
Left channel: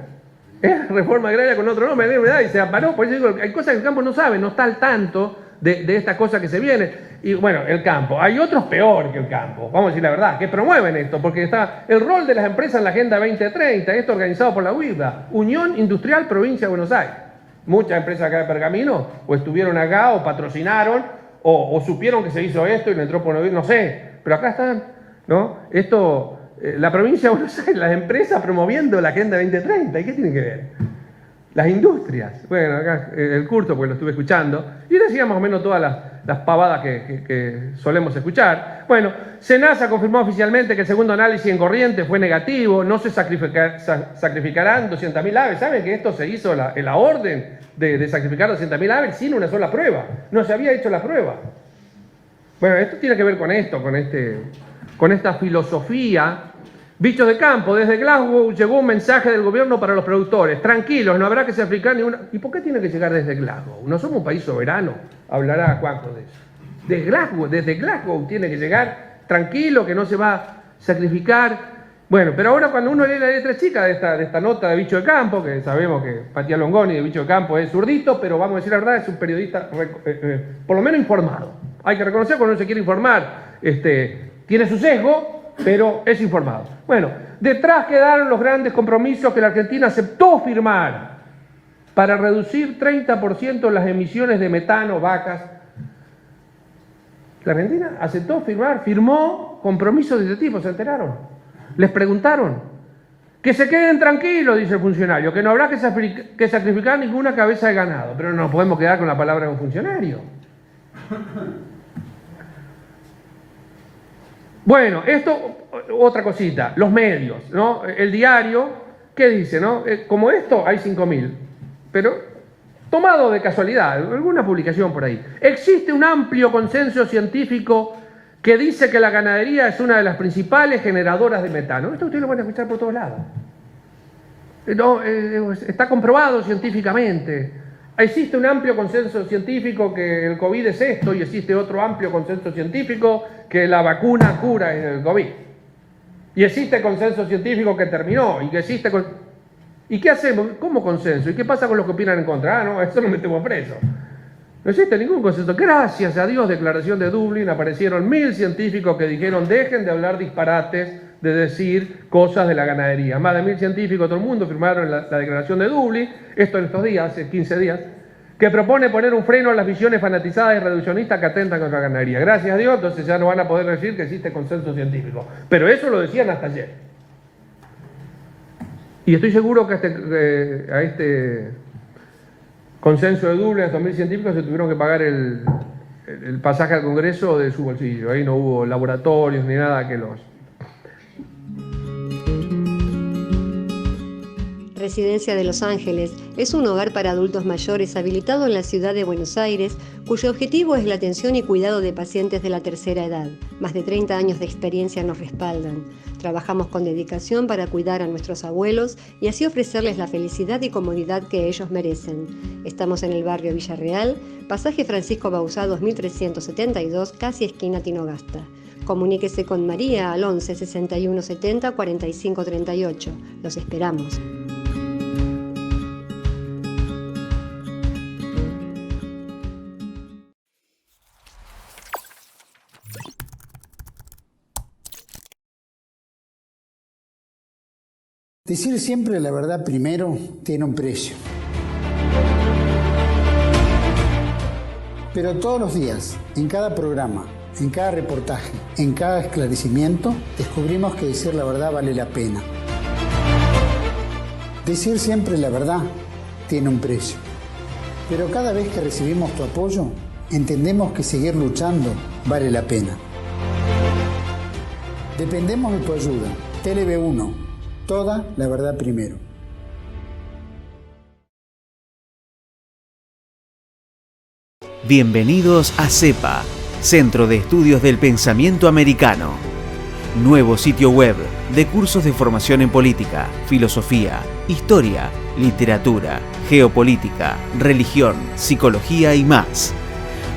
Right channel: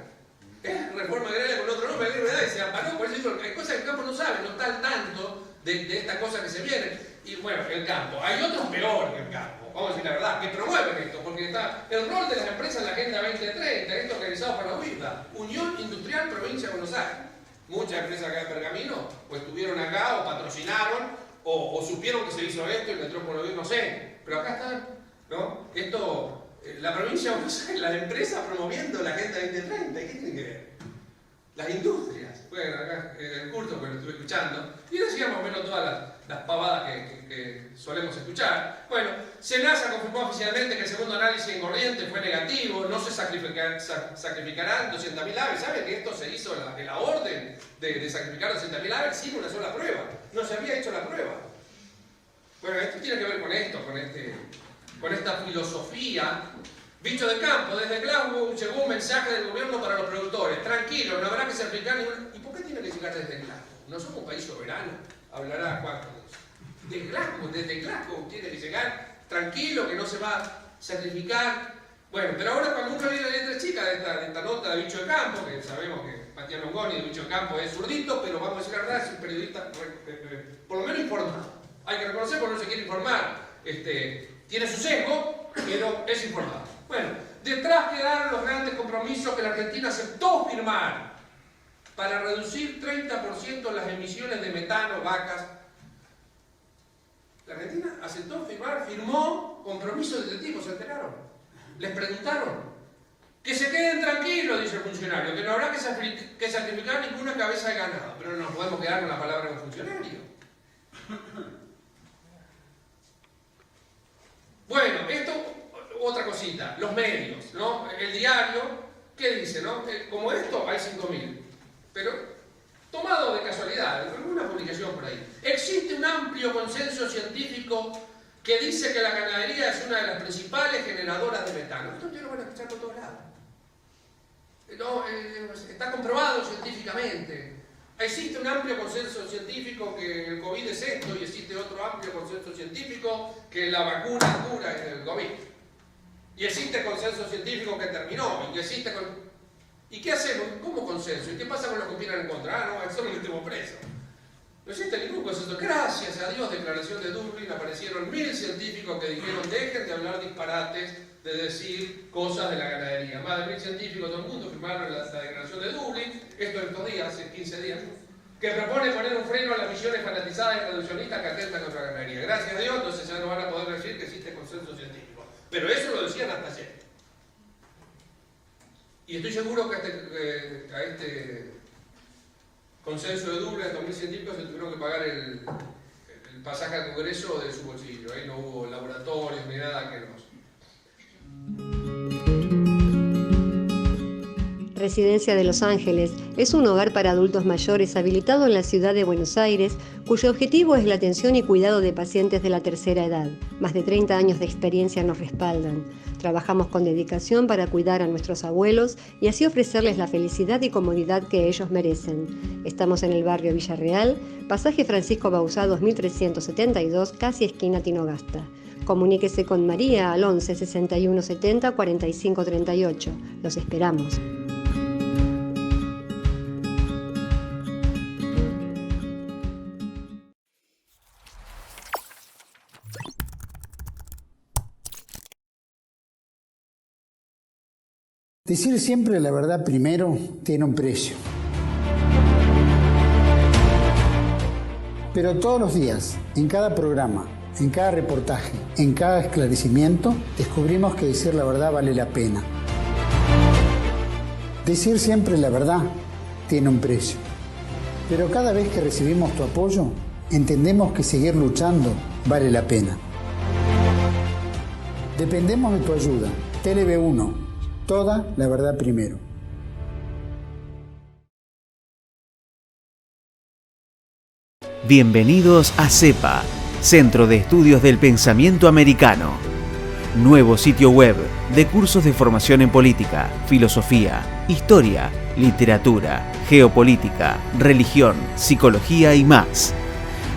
Es la reforma agraria con otro nombre. Y se amparó. Por eso digo, hay cosas que el campo no sabe, no está al tanto de estas cosas que se vienen. Y bueno, el campo. Hay otros peor que el campo, vamos a decir la verdad, que promueven esto, porque está el rol de las empresas en la Agenda 2030, esto organizado por la UIVA, Unión Industrial Provincia de Buenos Aires. Muchas empresas acá de Pergamino o estuvieron acá o patrocinaron o supieron que se hizo esto y le entró por no sé, pero acá están, ¿no? Esto, la provincia de Buenos Aires, las empresas promoviendo la Agenda 2030, ¿y qué tiene que ver? Las industrias. Bueno, acá el curso, porque lo estuve escuchando, y decía más o menos todas las pavadas que solemos escuchar. Bueno, SENASA confirmó oficialmente que el segundo análisis en Corrientes fue negativo, no se sacrificarán 200.000 aves. ¿Saben que esto se hizo en la orden de sacrificar 200.000 aves sin una sola prueba? No se había hecho la prueba. Bueno, esto tiene que ver con esto, con esta filosofía. Bichos de campo, desde Glasgow llegó un mensaje del gobierno para los productores. Tranquilos, no habrá que sacrificar ninguna... ¿Y por qué tiene que llegar desde Glasgow? No somos un país soberano. Hablará Juanjo de eso. Desde Glasgow tiene que llegar tranquilo, que no se va a sacrificar. Bueno, pero ahora cuando uno lee la letra chica de esta nota de Bicho de Campo, que sabemos que Matías Longoni de Bicho de Campo es zurdito, pero vamos a decir la verdad, es un periodista por lo menos informado. Hay que reconocer cuando uno se quiere informar, tiene su sesgo, pero es informado. Bueno, detrás quedaron los grandes compromisos que la Argentina aceptó firmar para reducir 30% las emisiones de metano, vacas. La Argentina aceptó firmó compromisos de este tipo, ¿se enteraron? Les preguntaron. Que se queden tranquilos, dice el funcionario, que no habrá que sacrificar ninguna cabeza de ganado. Pero no nos podemos quedar con la palabra de un funcionario. Bueno, esto, otra cosita, los medios, ¿no? El diario, ¿qué dice, no? Como esto hay 5.000, pero tomado de casualidad, alguna publicación por ahí. Existe un amplio consenso científico que dice que la ganadería es una de las principales generadoras de metano. Esto ustedes lo van a escuchar por todos lados. No, está comprobado científicamente. Existe un amplio consenso científico que el COVID es esto, y existe otro amplio consenso científico que la vacuna cura el COVID. Y existe consenso científico que terminó, y que existe... ¿Y qué hacemos? ¿Cómo consenso? ¿Y qué pasa con los que opinan en contra? Ah, no, eso lo metemos preso. No existe ningún consenso. Gracias a Dios, declaración de Dublín, aparecieron 1.000 científicos que dijeron dejen de hablar disparates, de decir cosas de la ganadería. Más de 1.000 científicos, todo el mundo firmaron la declaración de Dublín, esto en estos días, hace 15 días, que propone poner un freno a las visiones fanatizadas y reduccionistas que atentan contra la ganadería. Gracias a Dios, entonces ya no van a poder decir que existe consenso científico. Pero eso lo decían hasta ayer. Y estoy seguro que a este consenso de Dublín, a estos 1.000 científicos, se tuvieron que pagar el pasaje al Congreso de su bolsillo. Ahí no hubo laboratorios ni nada que los... Residencia de Los Ángeles es un hogar para adultos mayores habilitado en la ciudad de Buenos Aires, cuyo objetivo es la atención y cuidado de pacientes de la tercera edad. Más de 30 años de experiencia nos respaldan. Trabajamos con dedicación para cuidar a nuestros abuelos y así ofrecerles la felicidad y comodidad que ellos merecen. Estamos en el barrio Villarreal, pasaje Francisco Bauzá 2372, casi esquina Tinogasta. Comuníquese con María al 11 61 70 45 38. Los esperamos. Decir siempre la verdad primero tiene un precio. Pero todos los días, en cada programa, en cada reportaje, en cada esclarecimiento, descubrimos que decir la verdad vale la pena. Decir siempre la verdad tiene un precio. Pero cada vez que recibimos tu apoyo, entendemos que seguir luchando vale la pena. Dependemos de tu ayuda. TLV1, toda la verdad primero. Bienvenidos a CEPA, Centro de Estudios del Pensamiento Americano. Nuevo sitio web de cursos de formación en política, filosofía, historia, literatura, geopolítica, religión, psicología y más.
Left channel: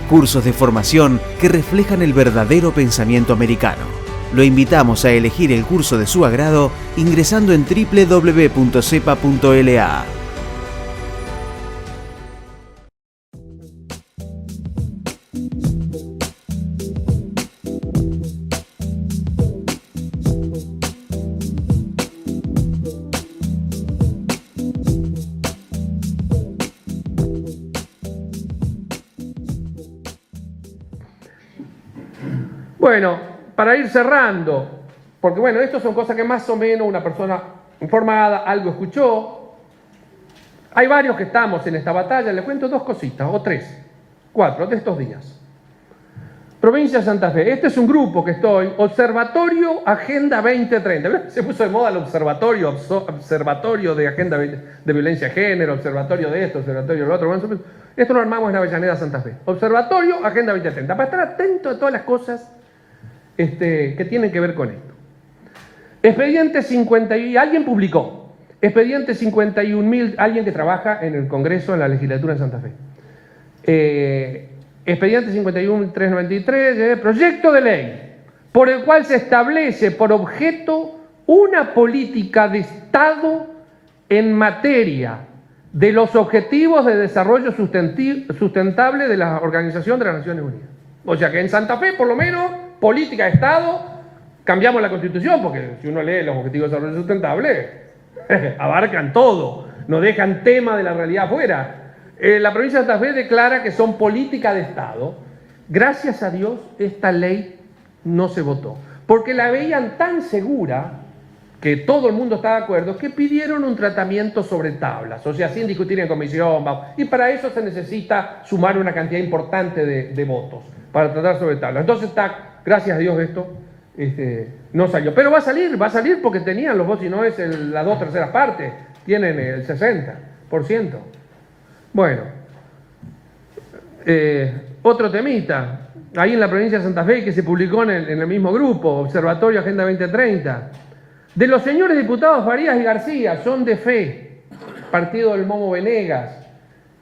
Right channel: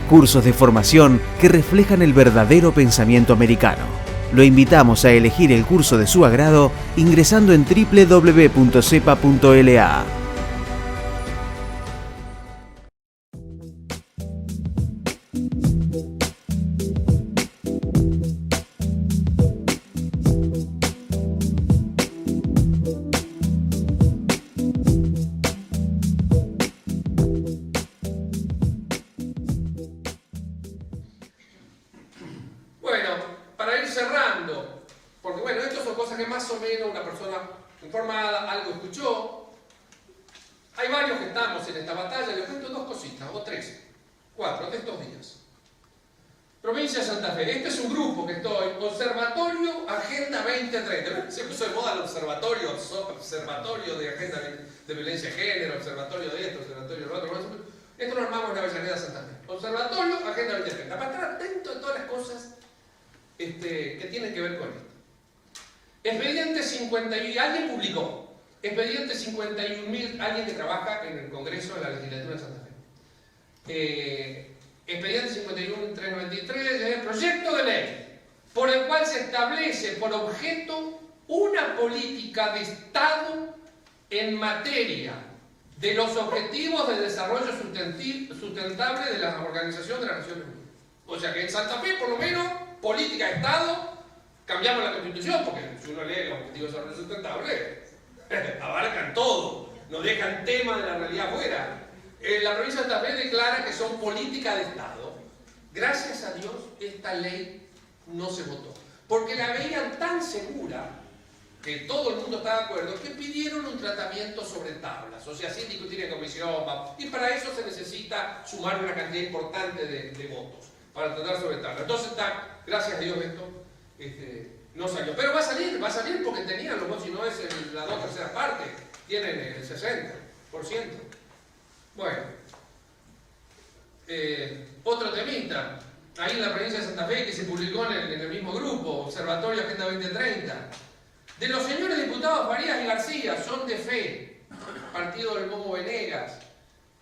Cursos de formación que reflejan el verdadero pensamiento americano. Lo invitamos a elegir el curso de su agrado ingresando en www.cepa.la. Bueno, para ir cerrando, porque bueno, estas son cosas que más o menos una persona informada, algo escuchó. Hay varios que estamos en esta batalla, les cuento dos cositas, o tres, cuatro de estos días. Provincia de Santa Fe, este es un grupo que estoy, Observatorio Agenda 2030. Se puso de moda el observatorio de Agenda de Violencia de Género, observatorio de esto, observatorio de lo otro. Bueno, esto lo armamos en Avellaneda, Santa Fe. Observatorio Agenda 2030, para estar atento a todas las cosas que tienen que ver con esto. Expediente 50, y alguien publicó, expediente 51.000, alguien que trabaja en el Congreso, en la legislatura en Santa Fe. Expediente 51.393, proyecto de ley por el cual se establece por objeto una política de Estado en materia de los objetivos de desarrollo sustentable de la Organización de las Naciones Unidas. O sea que en Santa Fe, por lo menos, política de Estado, cambiamos la Constitución, porque si uno lee los objetivos de desarrollo sustentable, abarcan todo, no dejan tema de la realidad afuera. La provincia de Santa Fe declara que son política de Estado. Gracias a Dios, esta ley no se votó, porque la veían tan segura que todo el mundo está de acuerdo, que pidieron un tratamiento sobre tablas, o sea, sin discutir en comisión, y para eso se necesita sumar una cantidad importante de votos, para tratar sobre tablas. Entonces está, gracias a Dios esto, no salió. Pero va a salir porque tenían los votos, y no es las 2/3 partes, tienen el 60%. Bueno, otro temita, ahí en la provincia de Santa Fe, que se publicó en el mismo grupo, Observatorio Agenda 2030, de los señores diputados Farías y García, son de fe, partido del Momo Venegas,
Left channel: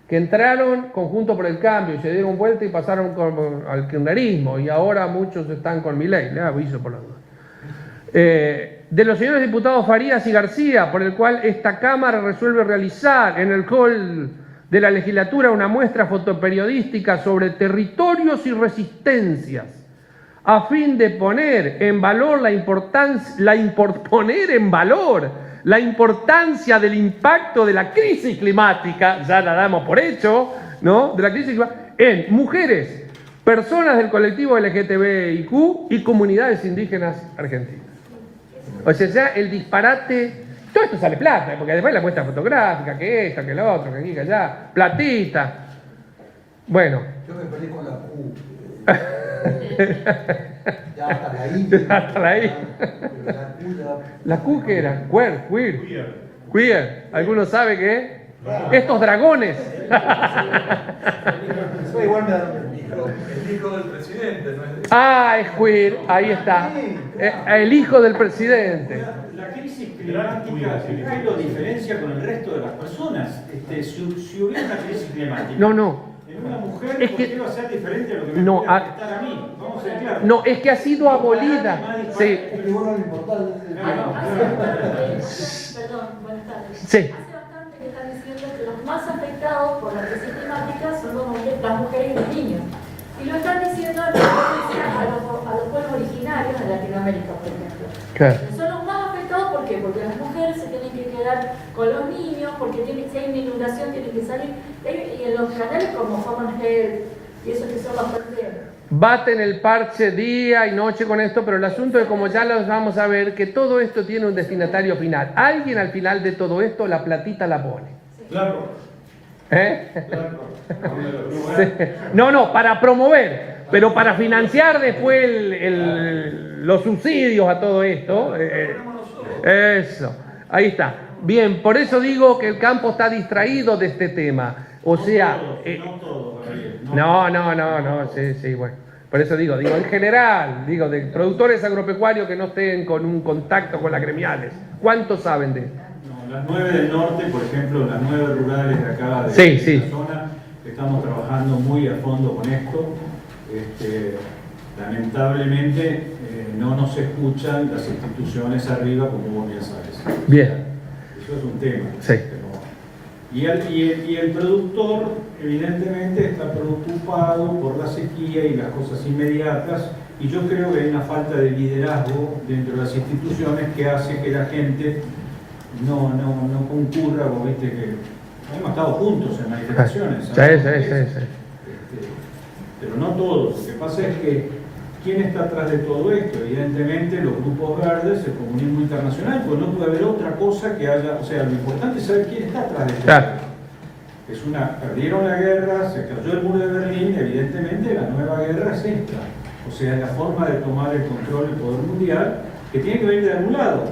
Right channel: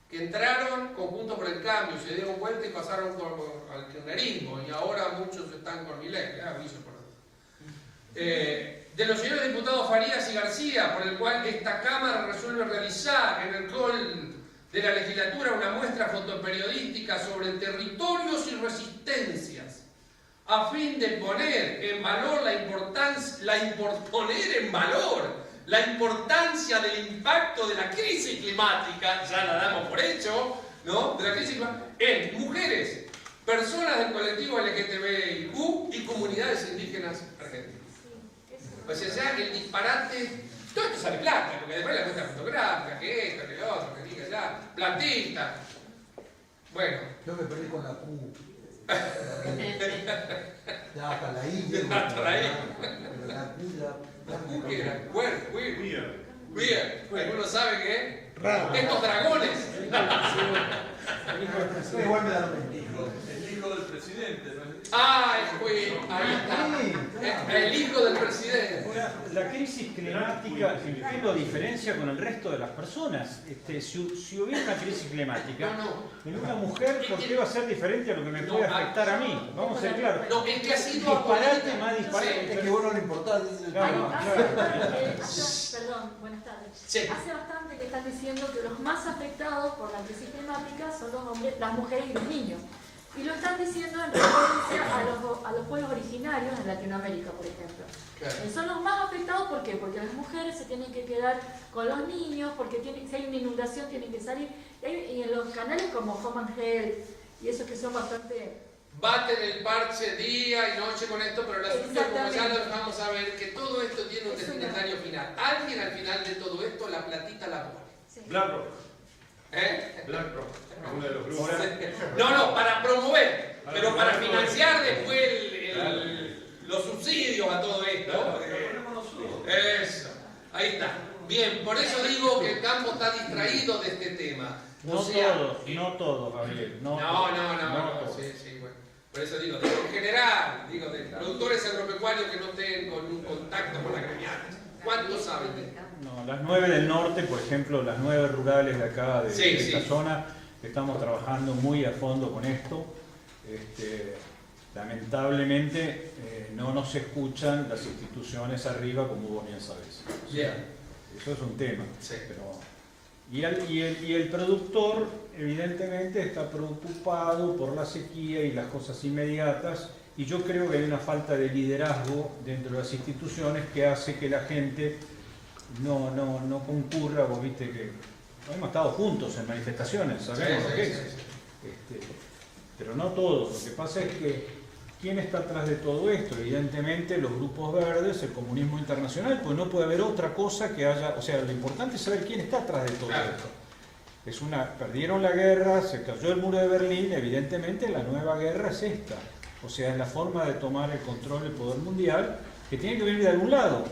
que entraron conjunto por el cambio, se dieron vuelta y pasaron al kirchnerismo, y ahora muchos están con Milei, les aviso por la duda. De los señores diputados Farías y García, por el cual esta Cámara resuelve realizar en el hall de la legislatura una muestra fotoperiodística sobre territorios y resistencias, a fin de poner en valor la importancia del impacto de la crisis climática, ya la damos por hecho, ¿no? De la crisis climática, en mujeres, personas del colectivo LGTBIQ y comunidades indígenas argentinas. O sea, ya el disparate, todo esto sale plata, porque después la muestra fotográfica, que esta, que la otra, que aquí, que allá, platita. Bueno. Yo me peleé con la Q. Ya hasta la I. Hasta la I. La Q que era, queer. Queer, ¿alguno sabe qué? Estos dragones. El hijo del presidente, ¿no? Ah, es queer, ahí está. El hijo del presidente. La crisis climática, ¿qué lo diferencia con el resto de las personas? Si hubiera una crisis climática, No. en una mujer Es lo que- que iba a ser diferente a lo que me No, puede afectar a mí. Vamos a ser claros. No, es que ha sido abolida. Sí, Es que vos no le importás. Perdón, buenas tardes. Sí. Hace bastante que están diciendo que los más afectados por la crisis climática son las mujeres y los niños. Y lo están diciendo en referencia a los pueblos originarios de Latinoamérica, por ejemplo. claro. Son los más afectados, ¿por qué? Porque las mujeres se tienen que quedar con los niños, porque si hay una inundación tienen que salir. Y en los canales como Common Health y eso que son los perderos. Baten el parche día y noche con esto, pero el asunto es, como ya los vamos a ver, que todo esto tiene un destinatario final. Alguien al final de todo esto la platita la pone. Claro. ¿Eh? Sí. No, para promover, pero para financiar después los subsidios a todo esto. Eso, ahí está. Bien, por eso digo que el campo está distraído de este tema. O sea, No todos, Gabriel. no, sí, bueno. Por eso digo, en general, de productores agropecuarios que no estén con un contacto con las gremiales. ¿Cuántos saben de esto? No, las 9 del norte, por ejemplo, las 9 rurales de acá, de Sí, esta sí. zona, estamos trabajando muy a fondo con esto. Lamentablemente no nos escuchan las instituciones arriba, como vos bien sabes. Bien. Eso es un tema. Sí. Y el productor, evidentemente, está preocupado por la sequía y las cosas inmediatas, y yo creo que hay una falta de liderazgo dentro de las instituciones que hace que la gente no concurra. Vos viste que hemos estado juntos en manifestaciones, ¿sabes? Sí. Pero no todos. Lo que pasa es que ¿quién está atrás de todo esto? Evidentemente los grupos verdes, el comunismo internacional, pues no puede haber otra cosa que haya. O sea, lo importante es saber quién está atrás de todo Claro. esto. Perdieron la guerra, se cayó el muro de Berlín, evidentemente la nueva guerra es esta. O sea, la forma de tomar el control del poder mundial, que tiene que venir de algún lado.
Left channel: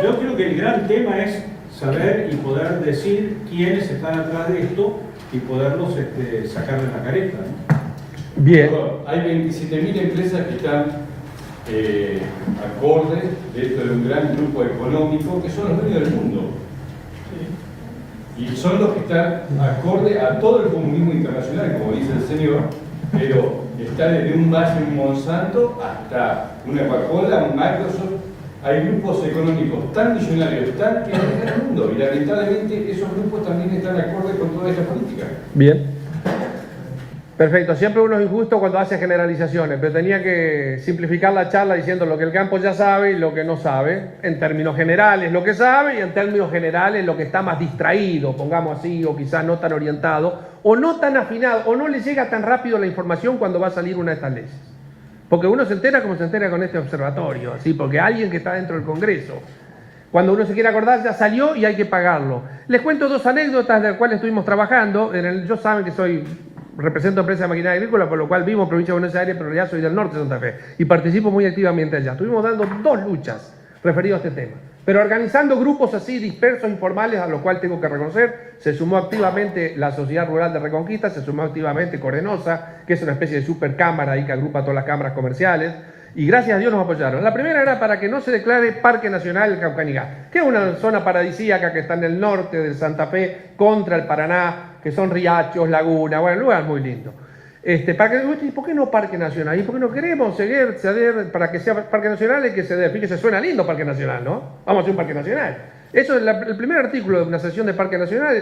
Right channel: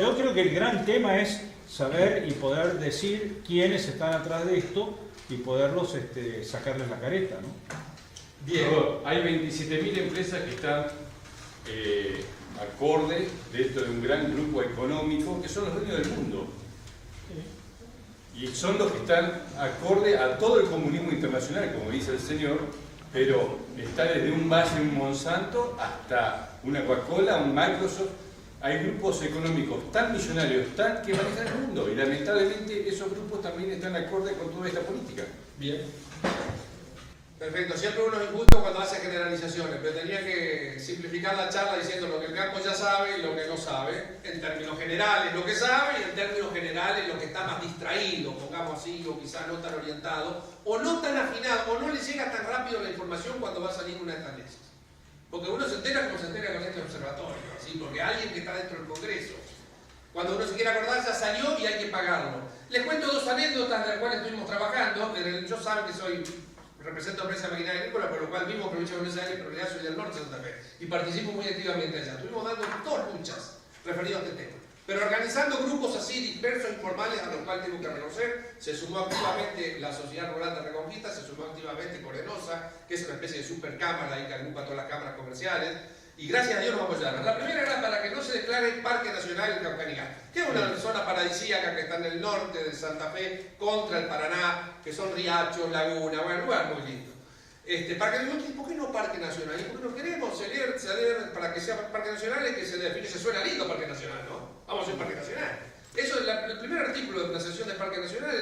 Yo creo que el gran tema es saber y poder decir quiénes están atrás de esto y poderlos sacar de la careta, ¿no? Bien. Hay 27.000 empresas que están acordes dentro de un gran grupo económico que son los dueños del mundo. Y son los que están acorde a todo el comunismo internacional, como dice el señor, pero está desde un Bayer y un Monsanto hasta una Coca-Cola, un Microsoft. Hay grupos económicos tan millonarios, que manejan el mundo, y lamentablemente esos grupos también están acorde con toda esta política. Bien. Perfecto. Siempre uno es injusto cuando hace generalizaciones, pero tenía que simplificar la charla diciendo lo que el campo ya sabe y lo que no sabe. En términos generales lo que sabe y en términos generales lo que está más distraído, pongamos así, o quizás no tan orientado, o no tan afinado, o no le llega tan rápido la información cuando va a salir una de estas leyes. Porque uno se entera como se entera con este observatorio, ¿sí? Porque alguien que está dentro del Congreso, cuando uno se quiere acordar, ya salió y hay que pagarlo. Les cuento dos anécdotas de las cuales estuvimos trabajando. Yo saben que represento empresa de maquinaria agrícola, por lo cual vivo en provincia de Buenos Aires, pero en realidad soy del norte de Santa Fe y participo muy activamente allá. Estuvimos dando dos luchas referidas a este tema, pero organizando grupos así dispersos, informales, a lo cual tengo que reconocer. Se sumó activamente la Sociedad Rural de Reconquista, se sumó activamente Corenosa, que es una especie de supercámara ahí que agrupa todas las cámaras comerciales, y gracias a Dios nos apoyaron. La primera era para que no se declare Parque Nacional el Caucanigá, que es una zona paradisíaca que está en el norte de Santa Fe, contra el Paraná, que son riachos, lagunas, bueno, un lugar muy lindo. ¿Por qué no Parque Nacional? ¿Y por qué no queremos ceder para que sea Parque Nacional? Es que fíjese, suena lindo Parque Nacional, ¿no? Vamos a hacer un Parque Nacional. Eso es el primer artículo de una sesión de Parque Nacional,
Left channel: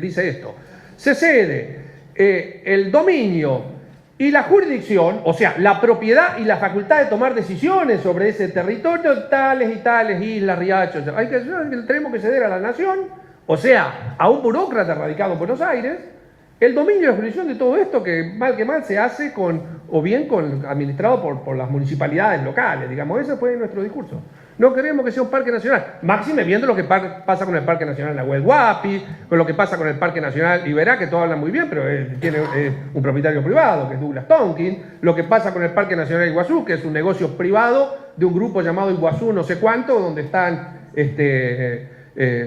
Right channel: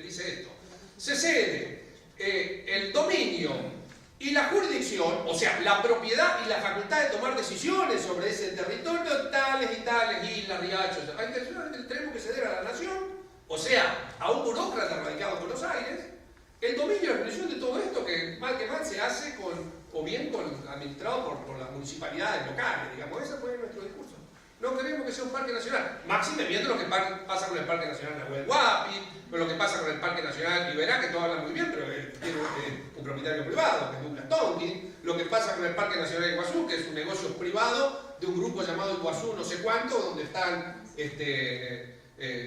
dice esto. Se cede el dominio y la jurisdicción, o sea, la propiedad y la facultad de tomar decisiones sobre ese territorio, tales y tales islas, riachos. Tenemos que ceder a la nación, o sea, a un burócrata radicado en Buenos Aires, el dominio y la jurisdicción de todo esto que mal se hace administrado por las municipalidades locales, digamos. Ese fue nuestro discurso. No queremos que sea un parque nacional. Máxime viendo lo que pasa con el Parque Nacional Nahuel Huapi, con lo que pasa con el Parque Nacional Iberá, que todos hablan muy bien, pero tiene un propietario privado, que es Douglas Tonkin. Lo que pasa con el Parque Nacional Iguazú, que es un negocio privado de un grupo llamado Iguazú no sé cuánto, donde están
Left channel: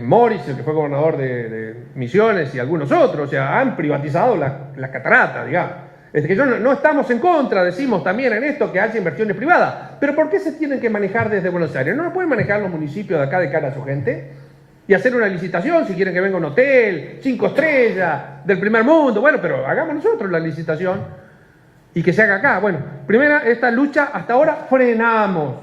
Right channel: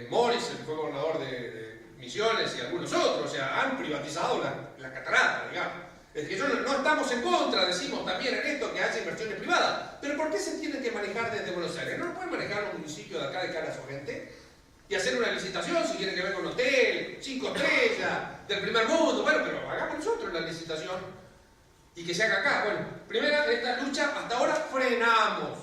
Morris, el que fue gobernador de Misiones, y algunos otros. O sea, han privatizado las cataratas, digamos. Es que no estamos en contra, decimos también en esto, que haya inversiones privadas. Pero ¿por qué se tienen que manejar desde Buenos Aires? ¿No lo pueden manejar los municipios de acá de cara a su gente? Y hacer una licitación, si quieren que venga un hotel, 5 estrellas, del primer mundo. Bueno, pero hagamos nosotros la licitación y que se haga acá. Bueno, primera, esta lucha hasta ahora frenamos.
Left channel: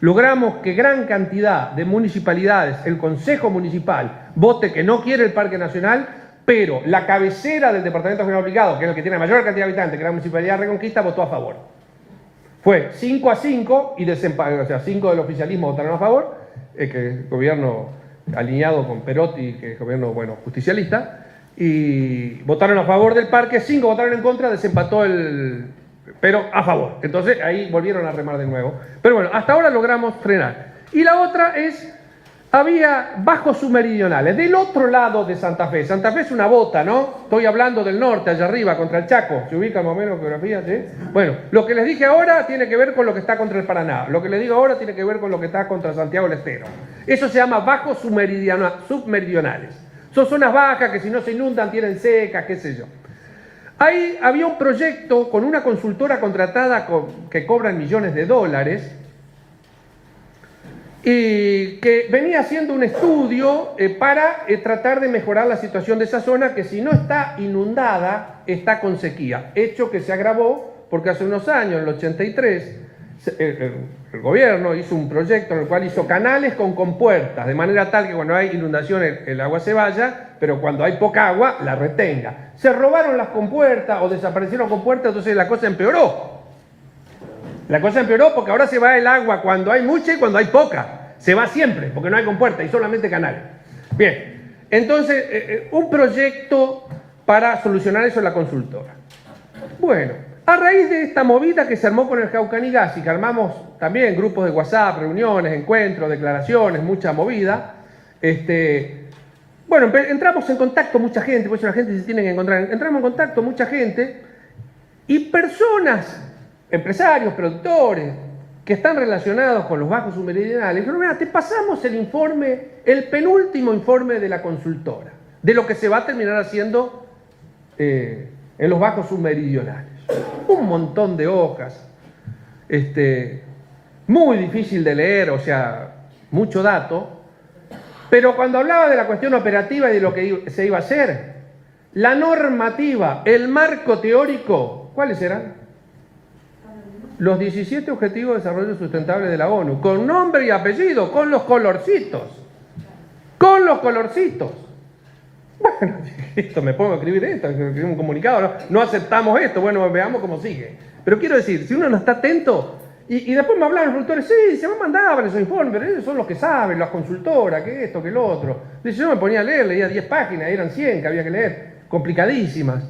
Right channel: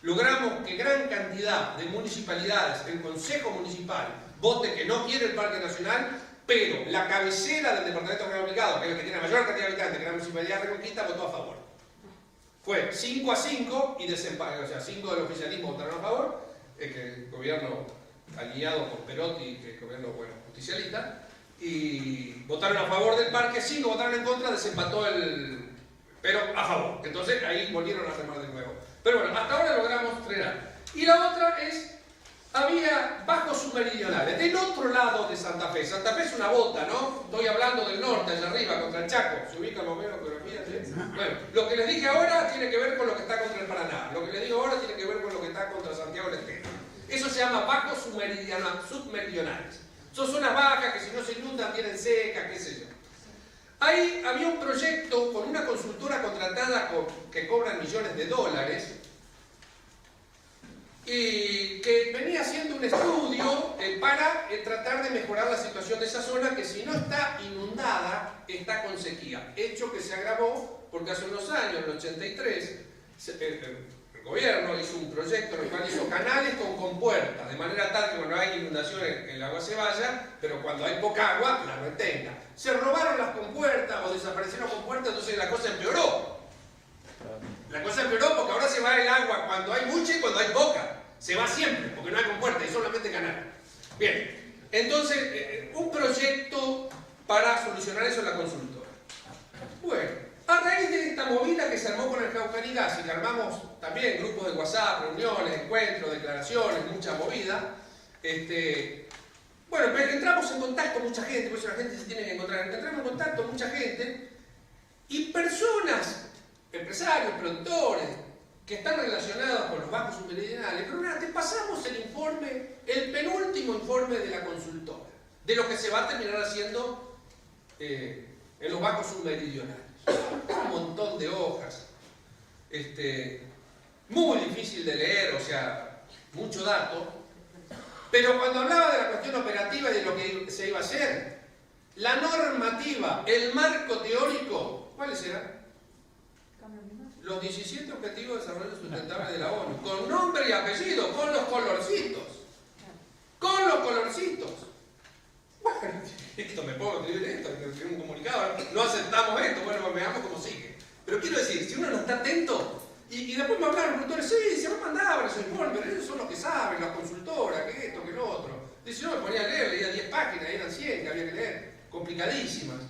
Logramos que gran cantidad de municipalidades, el Consejo Municipal, vote que no quiere el Parque Nacional, pero la cabecera del Departamento General Obligado, que es el que tiene la mayor cantidad de habitantes, que es la Municipalidad de Reconquista, votó a favor. Fue 5-5 y o sea, 5 del oficialismo votaron a favor, que el gobierno alineado con Perotti, que es gobierno, bueno, justicialista, y votaron a favor del parque, 5 votaron en contra, desempató pero a favor. Entonces ahí volvieron a remar de nuevo. Pero bueno, hasta ahora logramos frenar. Y la otra es, había bajos submeridionales, del otro lado de Santa Fe. Santa Fe es una bota, ¿no? Estoy hablando del norte, allá arriba, contra el Chaco. ¿Se ubica más o menos geografía? ¿Sí? Bueno, lo que les dije ahora tiene que ver con lo que está contra el Paraná. Lo que les digo ahora tiene que ver con lo que está contra Santiago del Estero. Eso se llama bajos submeridionales. Son zonas bajas que si no se inundan tienen secas, qué sé yo. Ahí había un proyecto con una consultora contratada que cobran millones de dólares y que venía haciendo un estudio para tratar de mejorar la situación de esa zona que si no está inundada, está con sequía. Hecho que se agravó porque hace unos años, en el 83, el gobierno hizo un proyecto en el cual hizo canales con compuertas, de manera tal que cuando hay inundación el agua se vaya, pero cuando hay poca agua, la retenga. Se robaron las compuertas o desaparecieron compuertas, entonces la cosa empeoró. La cosa empeoró porque ahora se va el agua cuando hay mucha y cuando hay poca. Se va siempre, porque no hay compuerta y solamente canal. Bien, entonces, un proyecto para solucionar eso en la consultora. Bueno, a raíz de esta movida que se armó con el Jaucanigas y que armamos también grupos de WhatsApp, reuniones, encuentros, declaraciones, mucha movida, bueno, entramos en contacto mucha gente, por eso la gente se tiene que encontrar. Entramos en contacto mucha gente y personas, empresarios, productores, que están relacionados con los bajos submeridionales. Pero mira, te pasamos el informe, el penúltimo informe de la consultora, de lo que se va a terminar haciendo en los bajos submeridionales. Un montón de hojas, muy difícil de leer, o sea, mucho dato. Pero cuando hablaba de la cuestión operativa y de lo que se iba a hacer, la normativa, el marco teórico, ¿cuáles eran? Los 17 Objetivos de Desarrollo Sustentable de la ONU, con nombre y apellido, con los colorcitos. Con los colorcitos. Bueno, esto me pongo a escribir esto, escribir un comunicado, no aceptamos esto, bueno, veamos cómo sigue. Pero quiero decir, si uno no está atento, y después me hablaban los productores, sí, se me mandaban esos informes, pero ellos son los que saben, las consultoras, que esto, que lo otro. Dice, yo me ponía a leer, leía 10 páginas, eran 100 que había que leer, complicadísimas.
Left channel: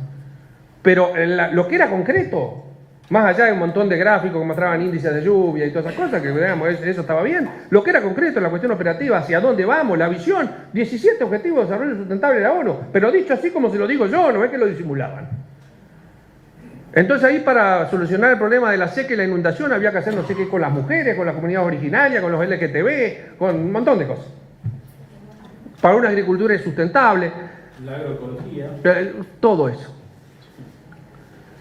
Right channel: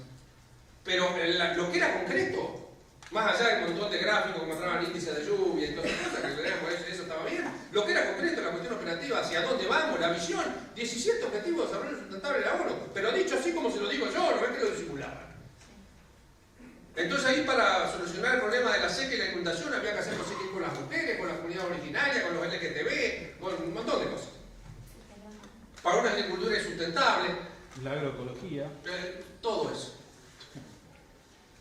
Pero lo que era concreto, más allá de un montón de gráficos que mostraban índices de lluvia y todas esas cosas, que digamos, eso estaba bien, lo que era concreto, la cuestión operativa, hacia dónde vamos, la visión, 17 Objetivos de Desarrollo Sustentable de la ONU, pero dicho así como se lo digo yo, no es que lo disimulaban. Entonces ahí para solucionar el problema de la seca y la inundación había que hacer no sé qué con las mujeres, con las comunidades originarias, con los LGTB, con un montón de cosas. Para una agricultura sustentable. La agroecología. Todo eso.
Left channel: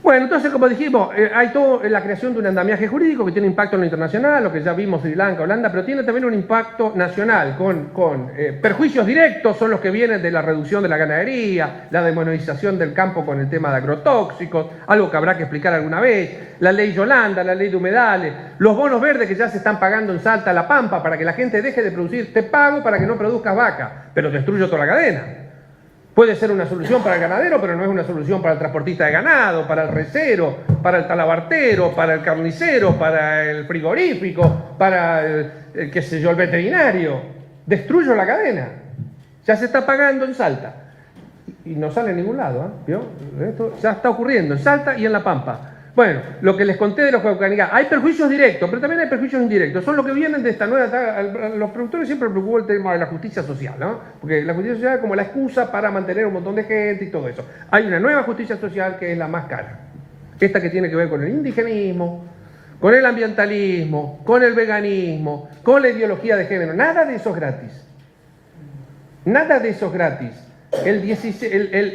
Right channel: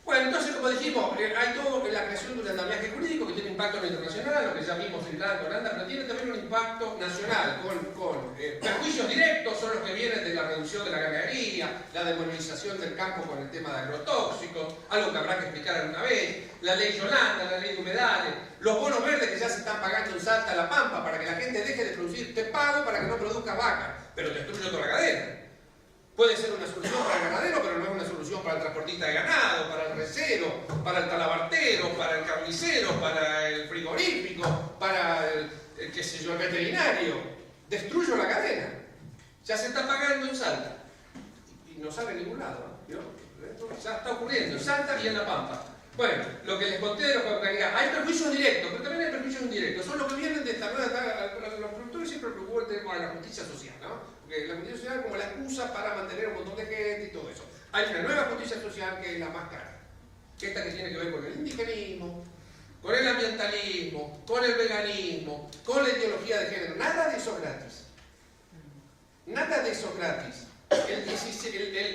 Bueno, entonces como dijimos, hay todo en la creación de un andamiaje jurídico que tiene impacto en lo internacional, lo que ya vimos Sri Lanka, Holanda, pero tiene también un impacto nacional con perjuicios directos, son los que vienen de la reducción de la ganadería, la demonización del campo con el tema de agrotóxicos, algo que habrá que explicar alguna vez, la ley Yolanda, la ley de humedales, los bonos verdes que ya se están pagando en Salta, La Pampa, para que la gente deje de producir, te pago para que no produzcas vaca, pero destruyo toda la cadena. Puede ser una solución para el ganadero, pero no es una solución para el transportista de ganado, para el recero, para el talabartero, para el carnicero, para el frigorífico, para el qué sé yo, el veterinario. Destruyo la cadena. Ya se está pagando en Salta. Y no sale en ningún lado, ¿Vio? Esto ya está ocurriendo en Salta y en La Pampa. Bueno, lo que les conté de los Jaucanigas, hay perjuicios directos, pero también hay perjuicios indirectos. Son los que vienen de esta nueva... Los productores siempre preocupó el tema de la justicia social, ¿no? Porque la justicia social es como la excusa para mantener un montón de gente y todo eso. Hay una nueva justicia social que es la más cara. Esta que tiene que ver con el indigenismo, con el ambientalismo, con el veganismo, con la ideología de género. Nada de eso es gratis. Nada de eso es gratis.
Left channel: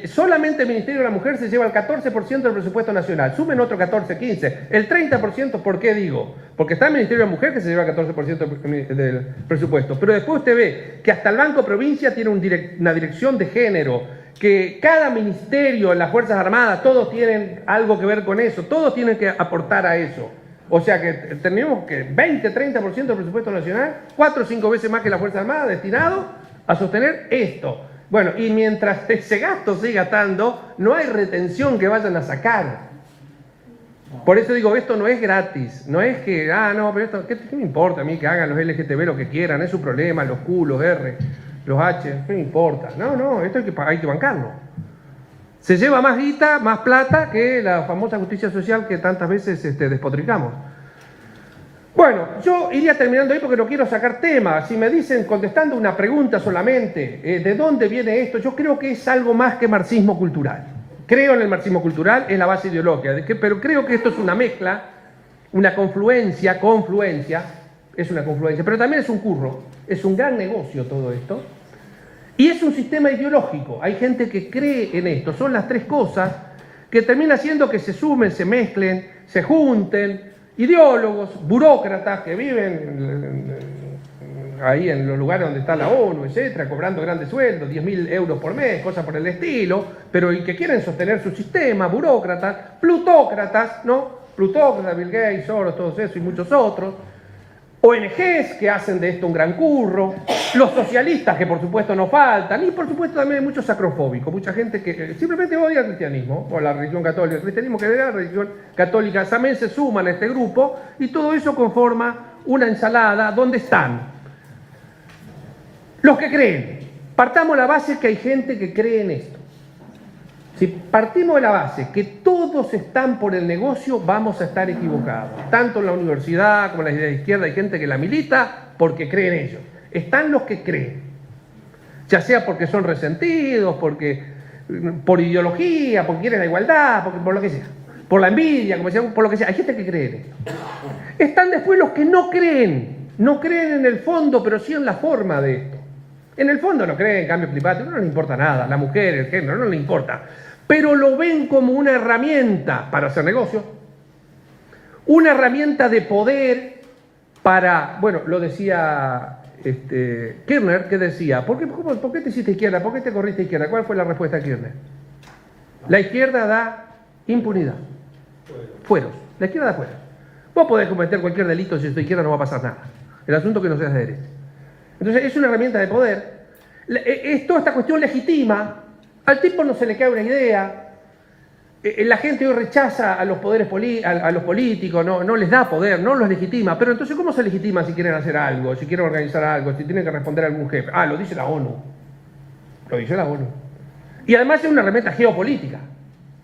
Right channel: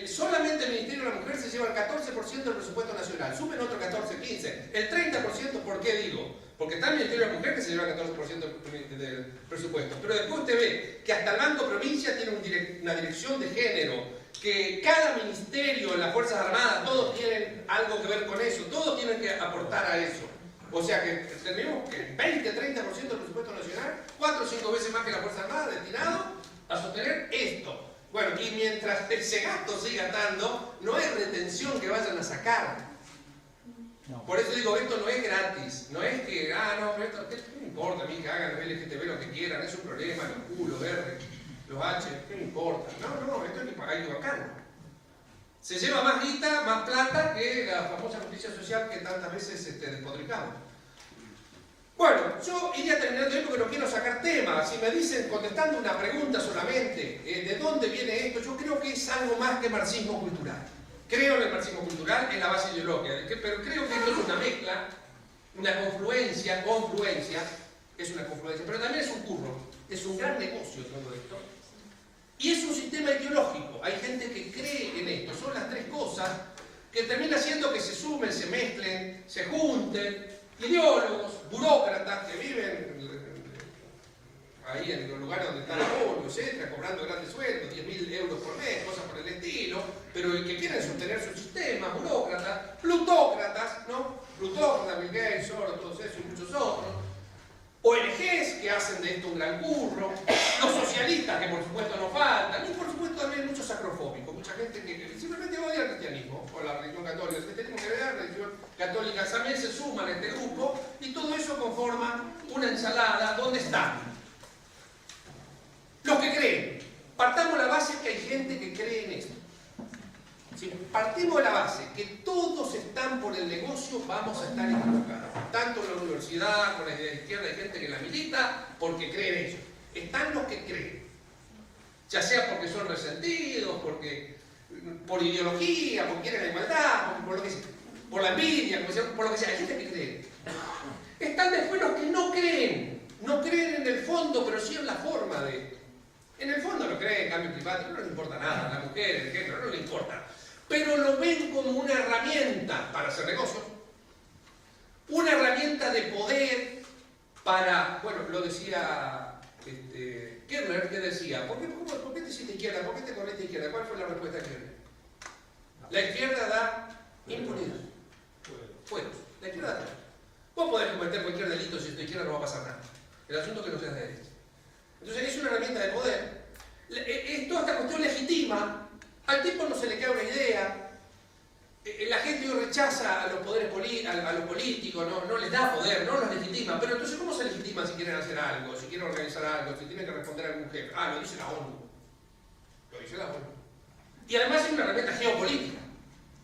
Solamente el Ministerio de la Mujer se lleva el 14% del presupuesto nacional. Sumen otro 14, 15. El 30%, ¿por qué digo? Porque está el Ministerio de la Mujer que se lleva el 14% del presupuesto. Pero después usted ve que hasta el Banco Provincia tiene una dirección de género, que cada ministerio en las Fuerzas Armadas, todos tienen algo que ver con eso, todos tienen que aportar a eso. O sea que tenemos que 20, 30% del presupuesto nacional, 4 o 5 veces más que las Fuerzas Armadas, destinado a sostener esto. Bueno, y mientras ese gasto siga estando, no hay retención que vayan a sacar. Por eso digo, esto no es gratis. No es que, no, pero esto, ¿qué me importa a mí que hagan los LGTB lo que quieran? Es su problema, los Q, los R, los H, ¿qué me importa? No, esto hay que bancarlo. Se lleva más guita, más plata que la famosa justicia social que tantas veces despotricamos. Bueno, yo iría terminando ahí porque no quiero sacar temas. Si me dicen, contestando una pregunta solamente, ¿de dónde viene esto? Yo creo que es algo más que marxismo cultural. Creo en el marxismo cultural, es la base ideológica, pero creo que esto es una mezcla, una confluencia, es una confluencia, pero también es un curro, es un gran negocio todo esto. Y es un sistema ideológico, hay gente que cree en esto, son las tres cosas que termina haciendo que se sumen, se mezclen, se junten. Ideólogos, burócratas que viven ahí en los lugares donde está la ONU, etcétera, cobrando grandes sueldos, 10.000 euros por mes, cosas por el estilo, pero y que quieren sostener su sistema, burócratas, plutócratas, ¿no? Plutócratas, Bill Gates, Soros, todos esos y muchos otros. ONGs que hacen de esto un gran curro, los socialistas que por supuesto no faltan, y por supuesto también hay muchos sacrofóbicos, mucha gente que simplemente odia el cristianismo, o la religión católica, el cristianismo que odia la religión católica, también se suman a este grupo, y todo eso conforma una ensalada donde están los que creen. Partamos de la base que hay gente que cree en esto. Si partimos de la base que todos están por el negocio, vamos a estar equivocados. Tanto en la universidad como en la idea de izquierda hay gente que la milita porque cree en ellos. Están los que creen, ya sea porque son resentidos, por ideología, porque quieren la igualdad, por lo que sea, por la envidia, como decían, por lo que sea. Hay gente que cree en esto. Están después los que no creen en el fondo, pero sí en la forma de esto. En el fondo no creen en cambio climático, no les importa nada, la mujer, el género, no les importa. Pero lo ven como una herramienta para hacer negocios, una herramienta de poder para, bueno, lo decía Kirchner, que decía, ¿por qué te hiciste izquierda? ¿Por qué te corriste izquierda? ¿Cuál fue la respuesta de Kirchner? La izquierda da impunidad. Fueros. La izquierda da fueros. Vos podés cometer cualquier delito si sos de izquierda, no va a pasar nada. El asunto es que no seas de derecha. Entonces es una herramienta de poder. Toda esta cuestión legitima. Al tipo no se le cae una idea. La gente hoy rechaza a los poderes a los políticos, no les da poder, no los legitima. Pero entonces, ¿cómo se legitima si quieren hacer algo, si quieren organizar algo, si tienen que responder a algún jefe? Lo dice la ONU. Lo dice la ONU. Y además es una herramienta geopolítica.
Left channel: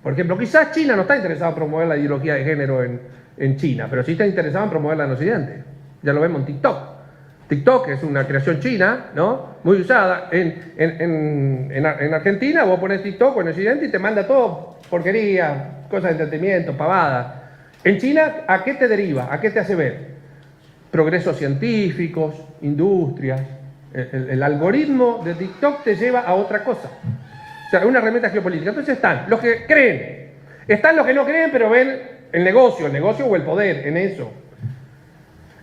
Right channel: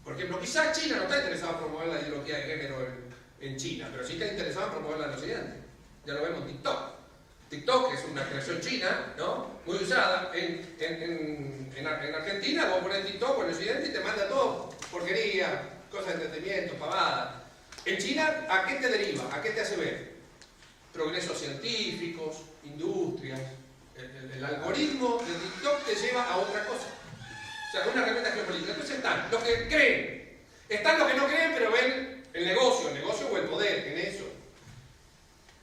Por ejemplo, quizás China no está interesada en promover la ideología de género en China, pero sí está interesada en promoverla en Occidente. Ya lo vemos en TikTok. TikTok es una creación china, ¿no? Muy usada. En Argentina vos pones TikTok o en Occidente y te manda todo porquería, cosas de entretenimiento, pavadas. En China, ¿a qué te deriva? ¿A qué te hace ver? Progresos científicos, industrias. El algoritmo de TikTok te lleva a otra cosa. O sea, es una herramienta geopolítica. Entonces están los que creen, están los que no creen, pero ven el negocio o el poder en eso.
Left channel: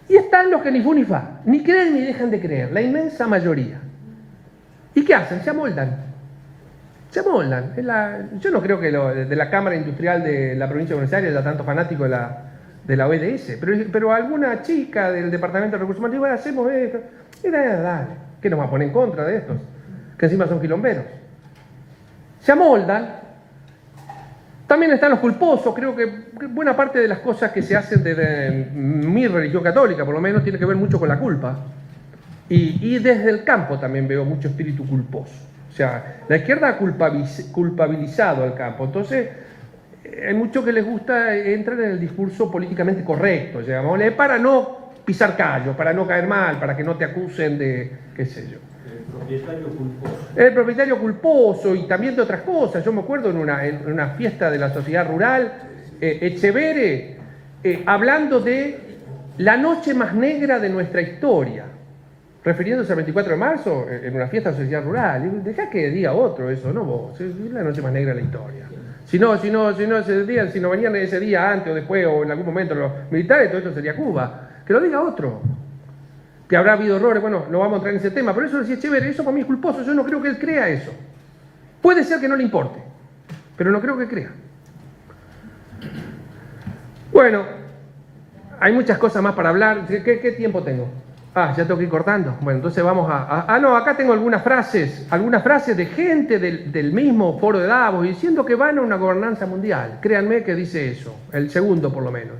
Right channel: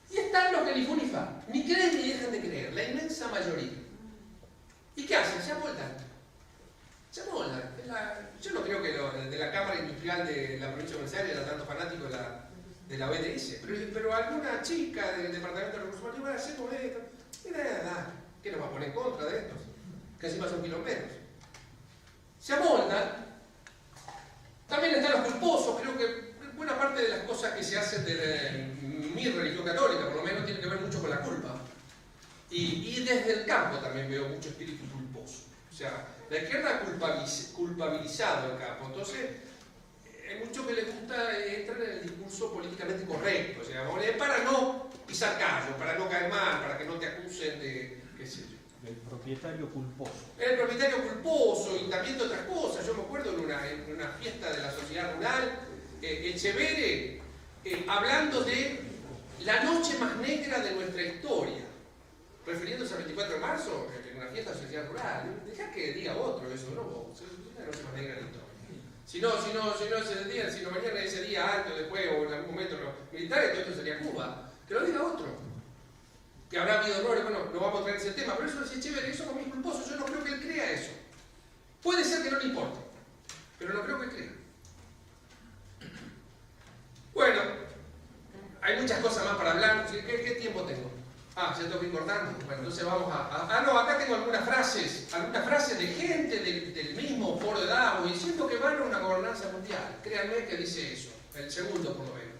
Y están los que ni fu ni fa, ni creen ni dejan de creer, la inmensa mayoría. ¿Y qué hacen? Se amoldan. Se amoldan. Yo no creo que de la Cámara Industrial de la provincia de Buenos Aires haya tanto fanático de la ODS, pero alguna chica del Departamento de Recursos Humanos dice, bueno, hacemos esto. Y dale, ¿qué nos va a poner en contra de estos? Que encima son quilomberos. Se amoldan. También están los culposos. Creo que buena parte de las cosas que se hacen desde mi religión católica, por lo menos, tiene que ver mucho con la culpa. Y desde el campo también veo mucho espíritu culposo. O sea, la izquierda ha culpabilizado al campo. Entonces, hay muchos que les gusta entrar en el discurso políticamente correcto, llamémosle, para no pisar callo, para no caer mal, para que no te acusen de, qué sé yo. El propietario culposo y también de otras cosas. Yo me acuerdo en una fiesta de la sociedad rural, Echevere hablando de la noche más negra de nuestra historia, refiriéndose al 24 de marzo en una fiesta de sociedad rural. Dejá que diga otro eso, no vos, es la noche más negra de la historia. Si no venían ese día antes o después o en algún momento los militares, todo esto sería Cuba. Que lo diga otro. Que habrá habido errores, bueno, no vamos a entrar en ese tema, pero eso decía Echeverri, eso para mí es culposo, yo no creo que él crea eso. Puede ser que no le importe, pero no creo que crea. Bueno, hay muchas cosas más para hablar. ¿Qué tiempo tengo? Ah, ya tengo que ir cortando. Bueno, entonces vamos no, acá tengo algunas frases de gente del mismo foro de Davos diciendo que van a una gobernanza mundial. Créanme que dice eso, el segundo por lo menos,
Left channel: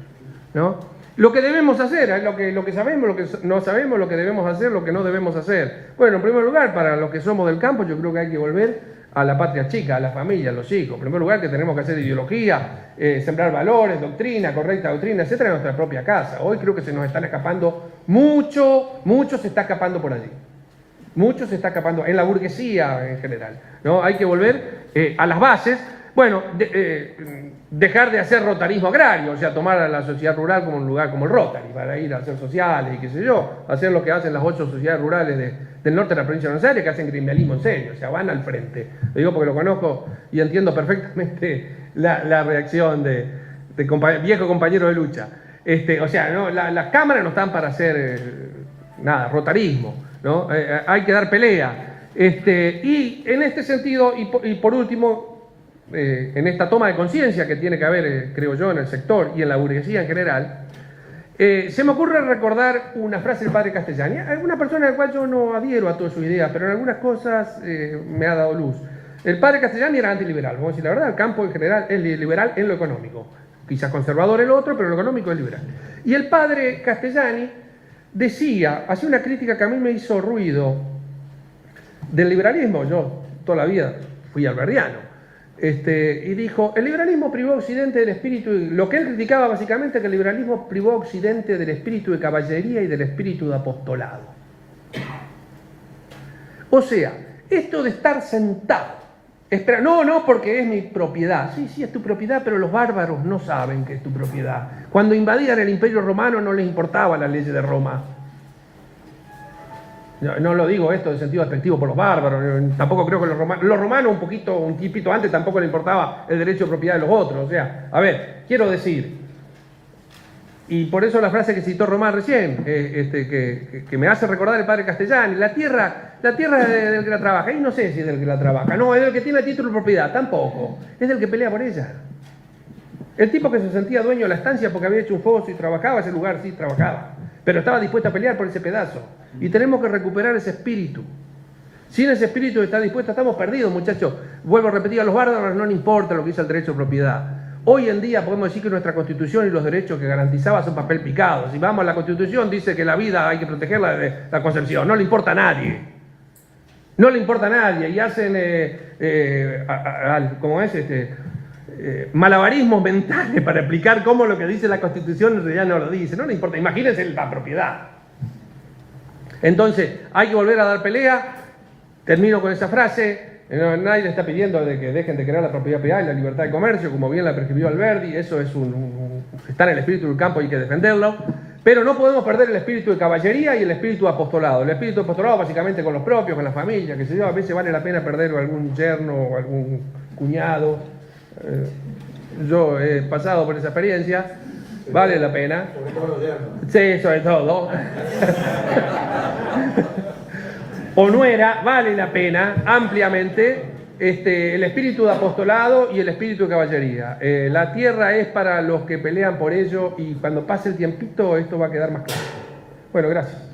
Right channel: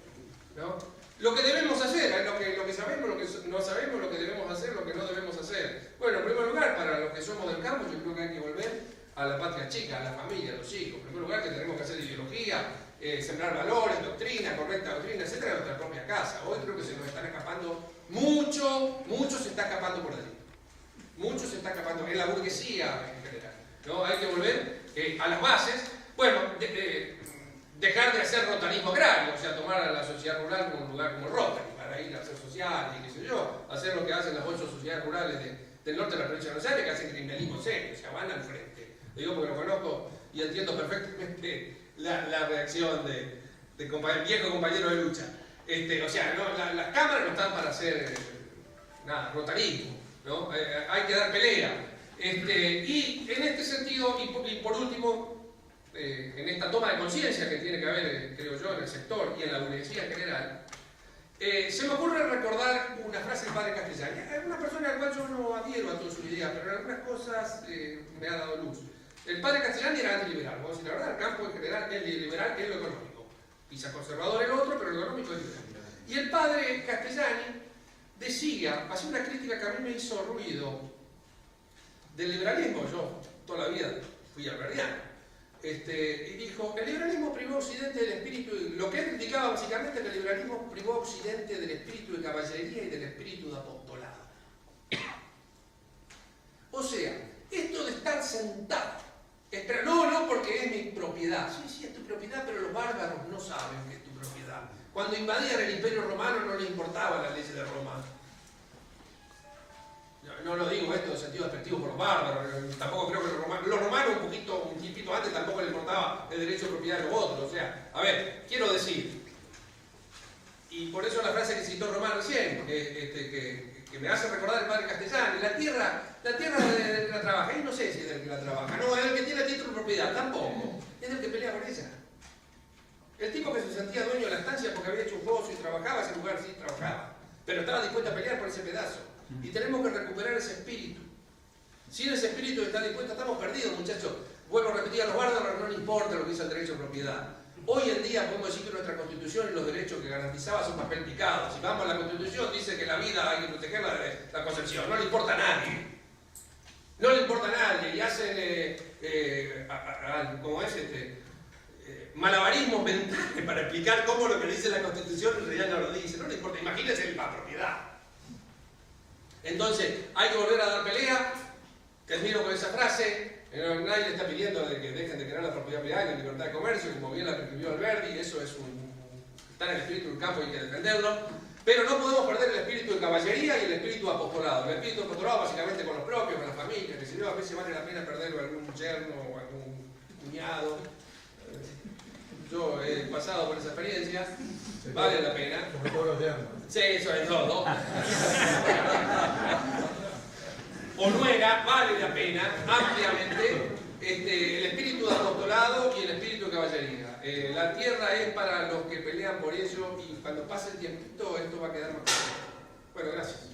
¿no? Lo que debemos hacer, lo que sabemos, lo que no sabemos, lo que debemos hacer, lo que no debemos hacer. Bueno, en primer lugar, para los que somos del campo, yo creo que hay que volver a la patria chica, a la familia, a los hijos. En primer lugar, que tenemos que hacer ideología, sembrar valores, doctrina, correcta doctrina, etcétera, en nuestra propia casa. Hoy creo que se nos están escapando mucho se está escapando por allí. Mucho se está escapando en la burguesía en general, ¿no? Hay que volver a las bases. Bueno, dejar de hacer rotarismo agrario, o sea, tomar a la sociedad rural como un lugar como el Rotary, para ir a hacer sociales y qué sé yo, hacer lo que hacen las 8 sociedades rurales del norte de la provincia de Buenos Aires, que hacen gremialismo en serio, o sea, van al frente. Lo digo porque lo conozco y entiendo perfectamente la reacción de viejo compañero de lucha. O sea, ¿no? Las cámaras no están para hacer nada, rotarismo, ¿no? Hay que dar pelea. Y en este sentido, y por último, en esta toma de conciencia que tiene que haber, creo yo, en el sector y en la burguesía en general, se me ocurre recordar una frase del padre Castellani, una persona a la cual yo no adhiero a todas sus ideas, pero en algunas cosas me ha dado luz. El padre Castellani era antiliberal, vamos a decir la verdad, el campo en general es liberal en lo económico, quizás conservador en lo otro, pero en lo económico es liberal. Y el padre Castellani hacía una crítica que a mí me hizo ruido del liberalismo. Yo toda la vida fui alberdiano. Y dijo, el liberalismo privó a Occidente del espíritu, lo que él criticaba básicamente, que el liberalismo privó a Occidente del espíritu de caballería y del espíritu de apostolado. O sea, esto de estar sentado, espera, no, porque es mi propiedad. Sí, es tu propiedad, pero los bárbaros no saben que es tu propiedad. Cuando invadían el Imperio Romano no les importaba la ley de Roma. No lo digo esto en sentido despectivo por los bárbaros, tampoco creo que los romanos un tipito antes tampoco les importaba el derecho de propiedad de los otros. O sea, a ver, quiero decir, y por eso la frase que citó Román recién, que me hace recordar el padre Castellani, la tierra es del que la trabaja, y no sé si es del que la trabaja, no, es del que tiene el título de propiedad, tampoco, es del que pelea por ella. El tipo que se sentía dueño de la estancia porque había hecho un foso y trabajaba, ese lugar sí trabajaba, pero estaba dispuesto a pelear por ese pedazo. Y tenemos que recuperar ese espíritu. Sin ese espíritu que está dispuesto, estamos perdidos, muchachos. Vuelvo a repetir, a los bárbaros no les importa lo que dice el derecho de propiedad. Hoy en día podemos decir que nuestra Constitución y los derechos que garantizaba son papel picado. Si vamos a la Constitución, dice que la vida hay que protegerla de la concepción. No le importa a nadie. No le importa a nadie. Y hacen, malabarismos mentales para explicar cómo lo que dice la Constitución en realidad no lo dice. No le importa. Imagínense la propiedad. Entonces, hay que volver a dar pelea. Termino con esa frase. Nadie le está pidiendo de que dejen de crear la propiedad privada y la libertad de comercio, como bien la prescribió Alberdi. Eso es está en el espíritu del campo y hay que defenderlo. Pero no podemos perder el espíritu de caballería y el espíritu de apostolado. El espíritu de apostolado básicamente con los propios, con la familia, que se yo. A veces vale la pena perder algún yerno o algún cuñado. Yo he pasado por esa experiencia. Vale la pena. Sobre todo los yernos. Sí, sobre todo. O nuera, vale la pena ampliamente el espíritu de apostolado y el espíritu de caballería. La tierra es para los que pelean por ello y cuando pase el tiempito esto va a quedar más claro. Bueno, gracias.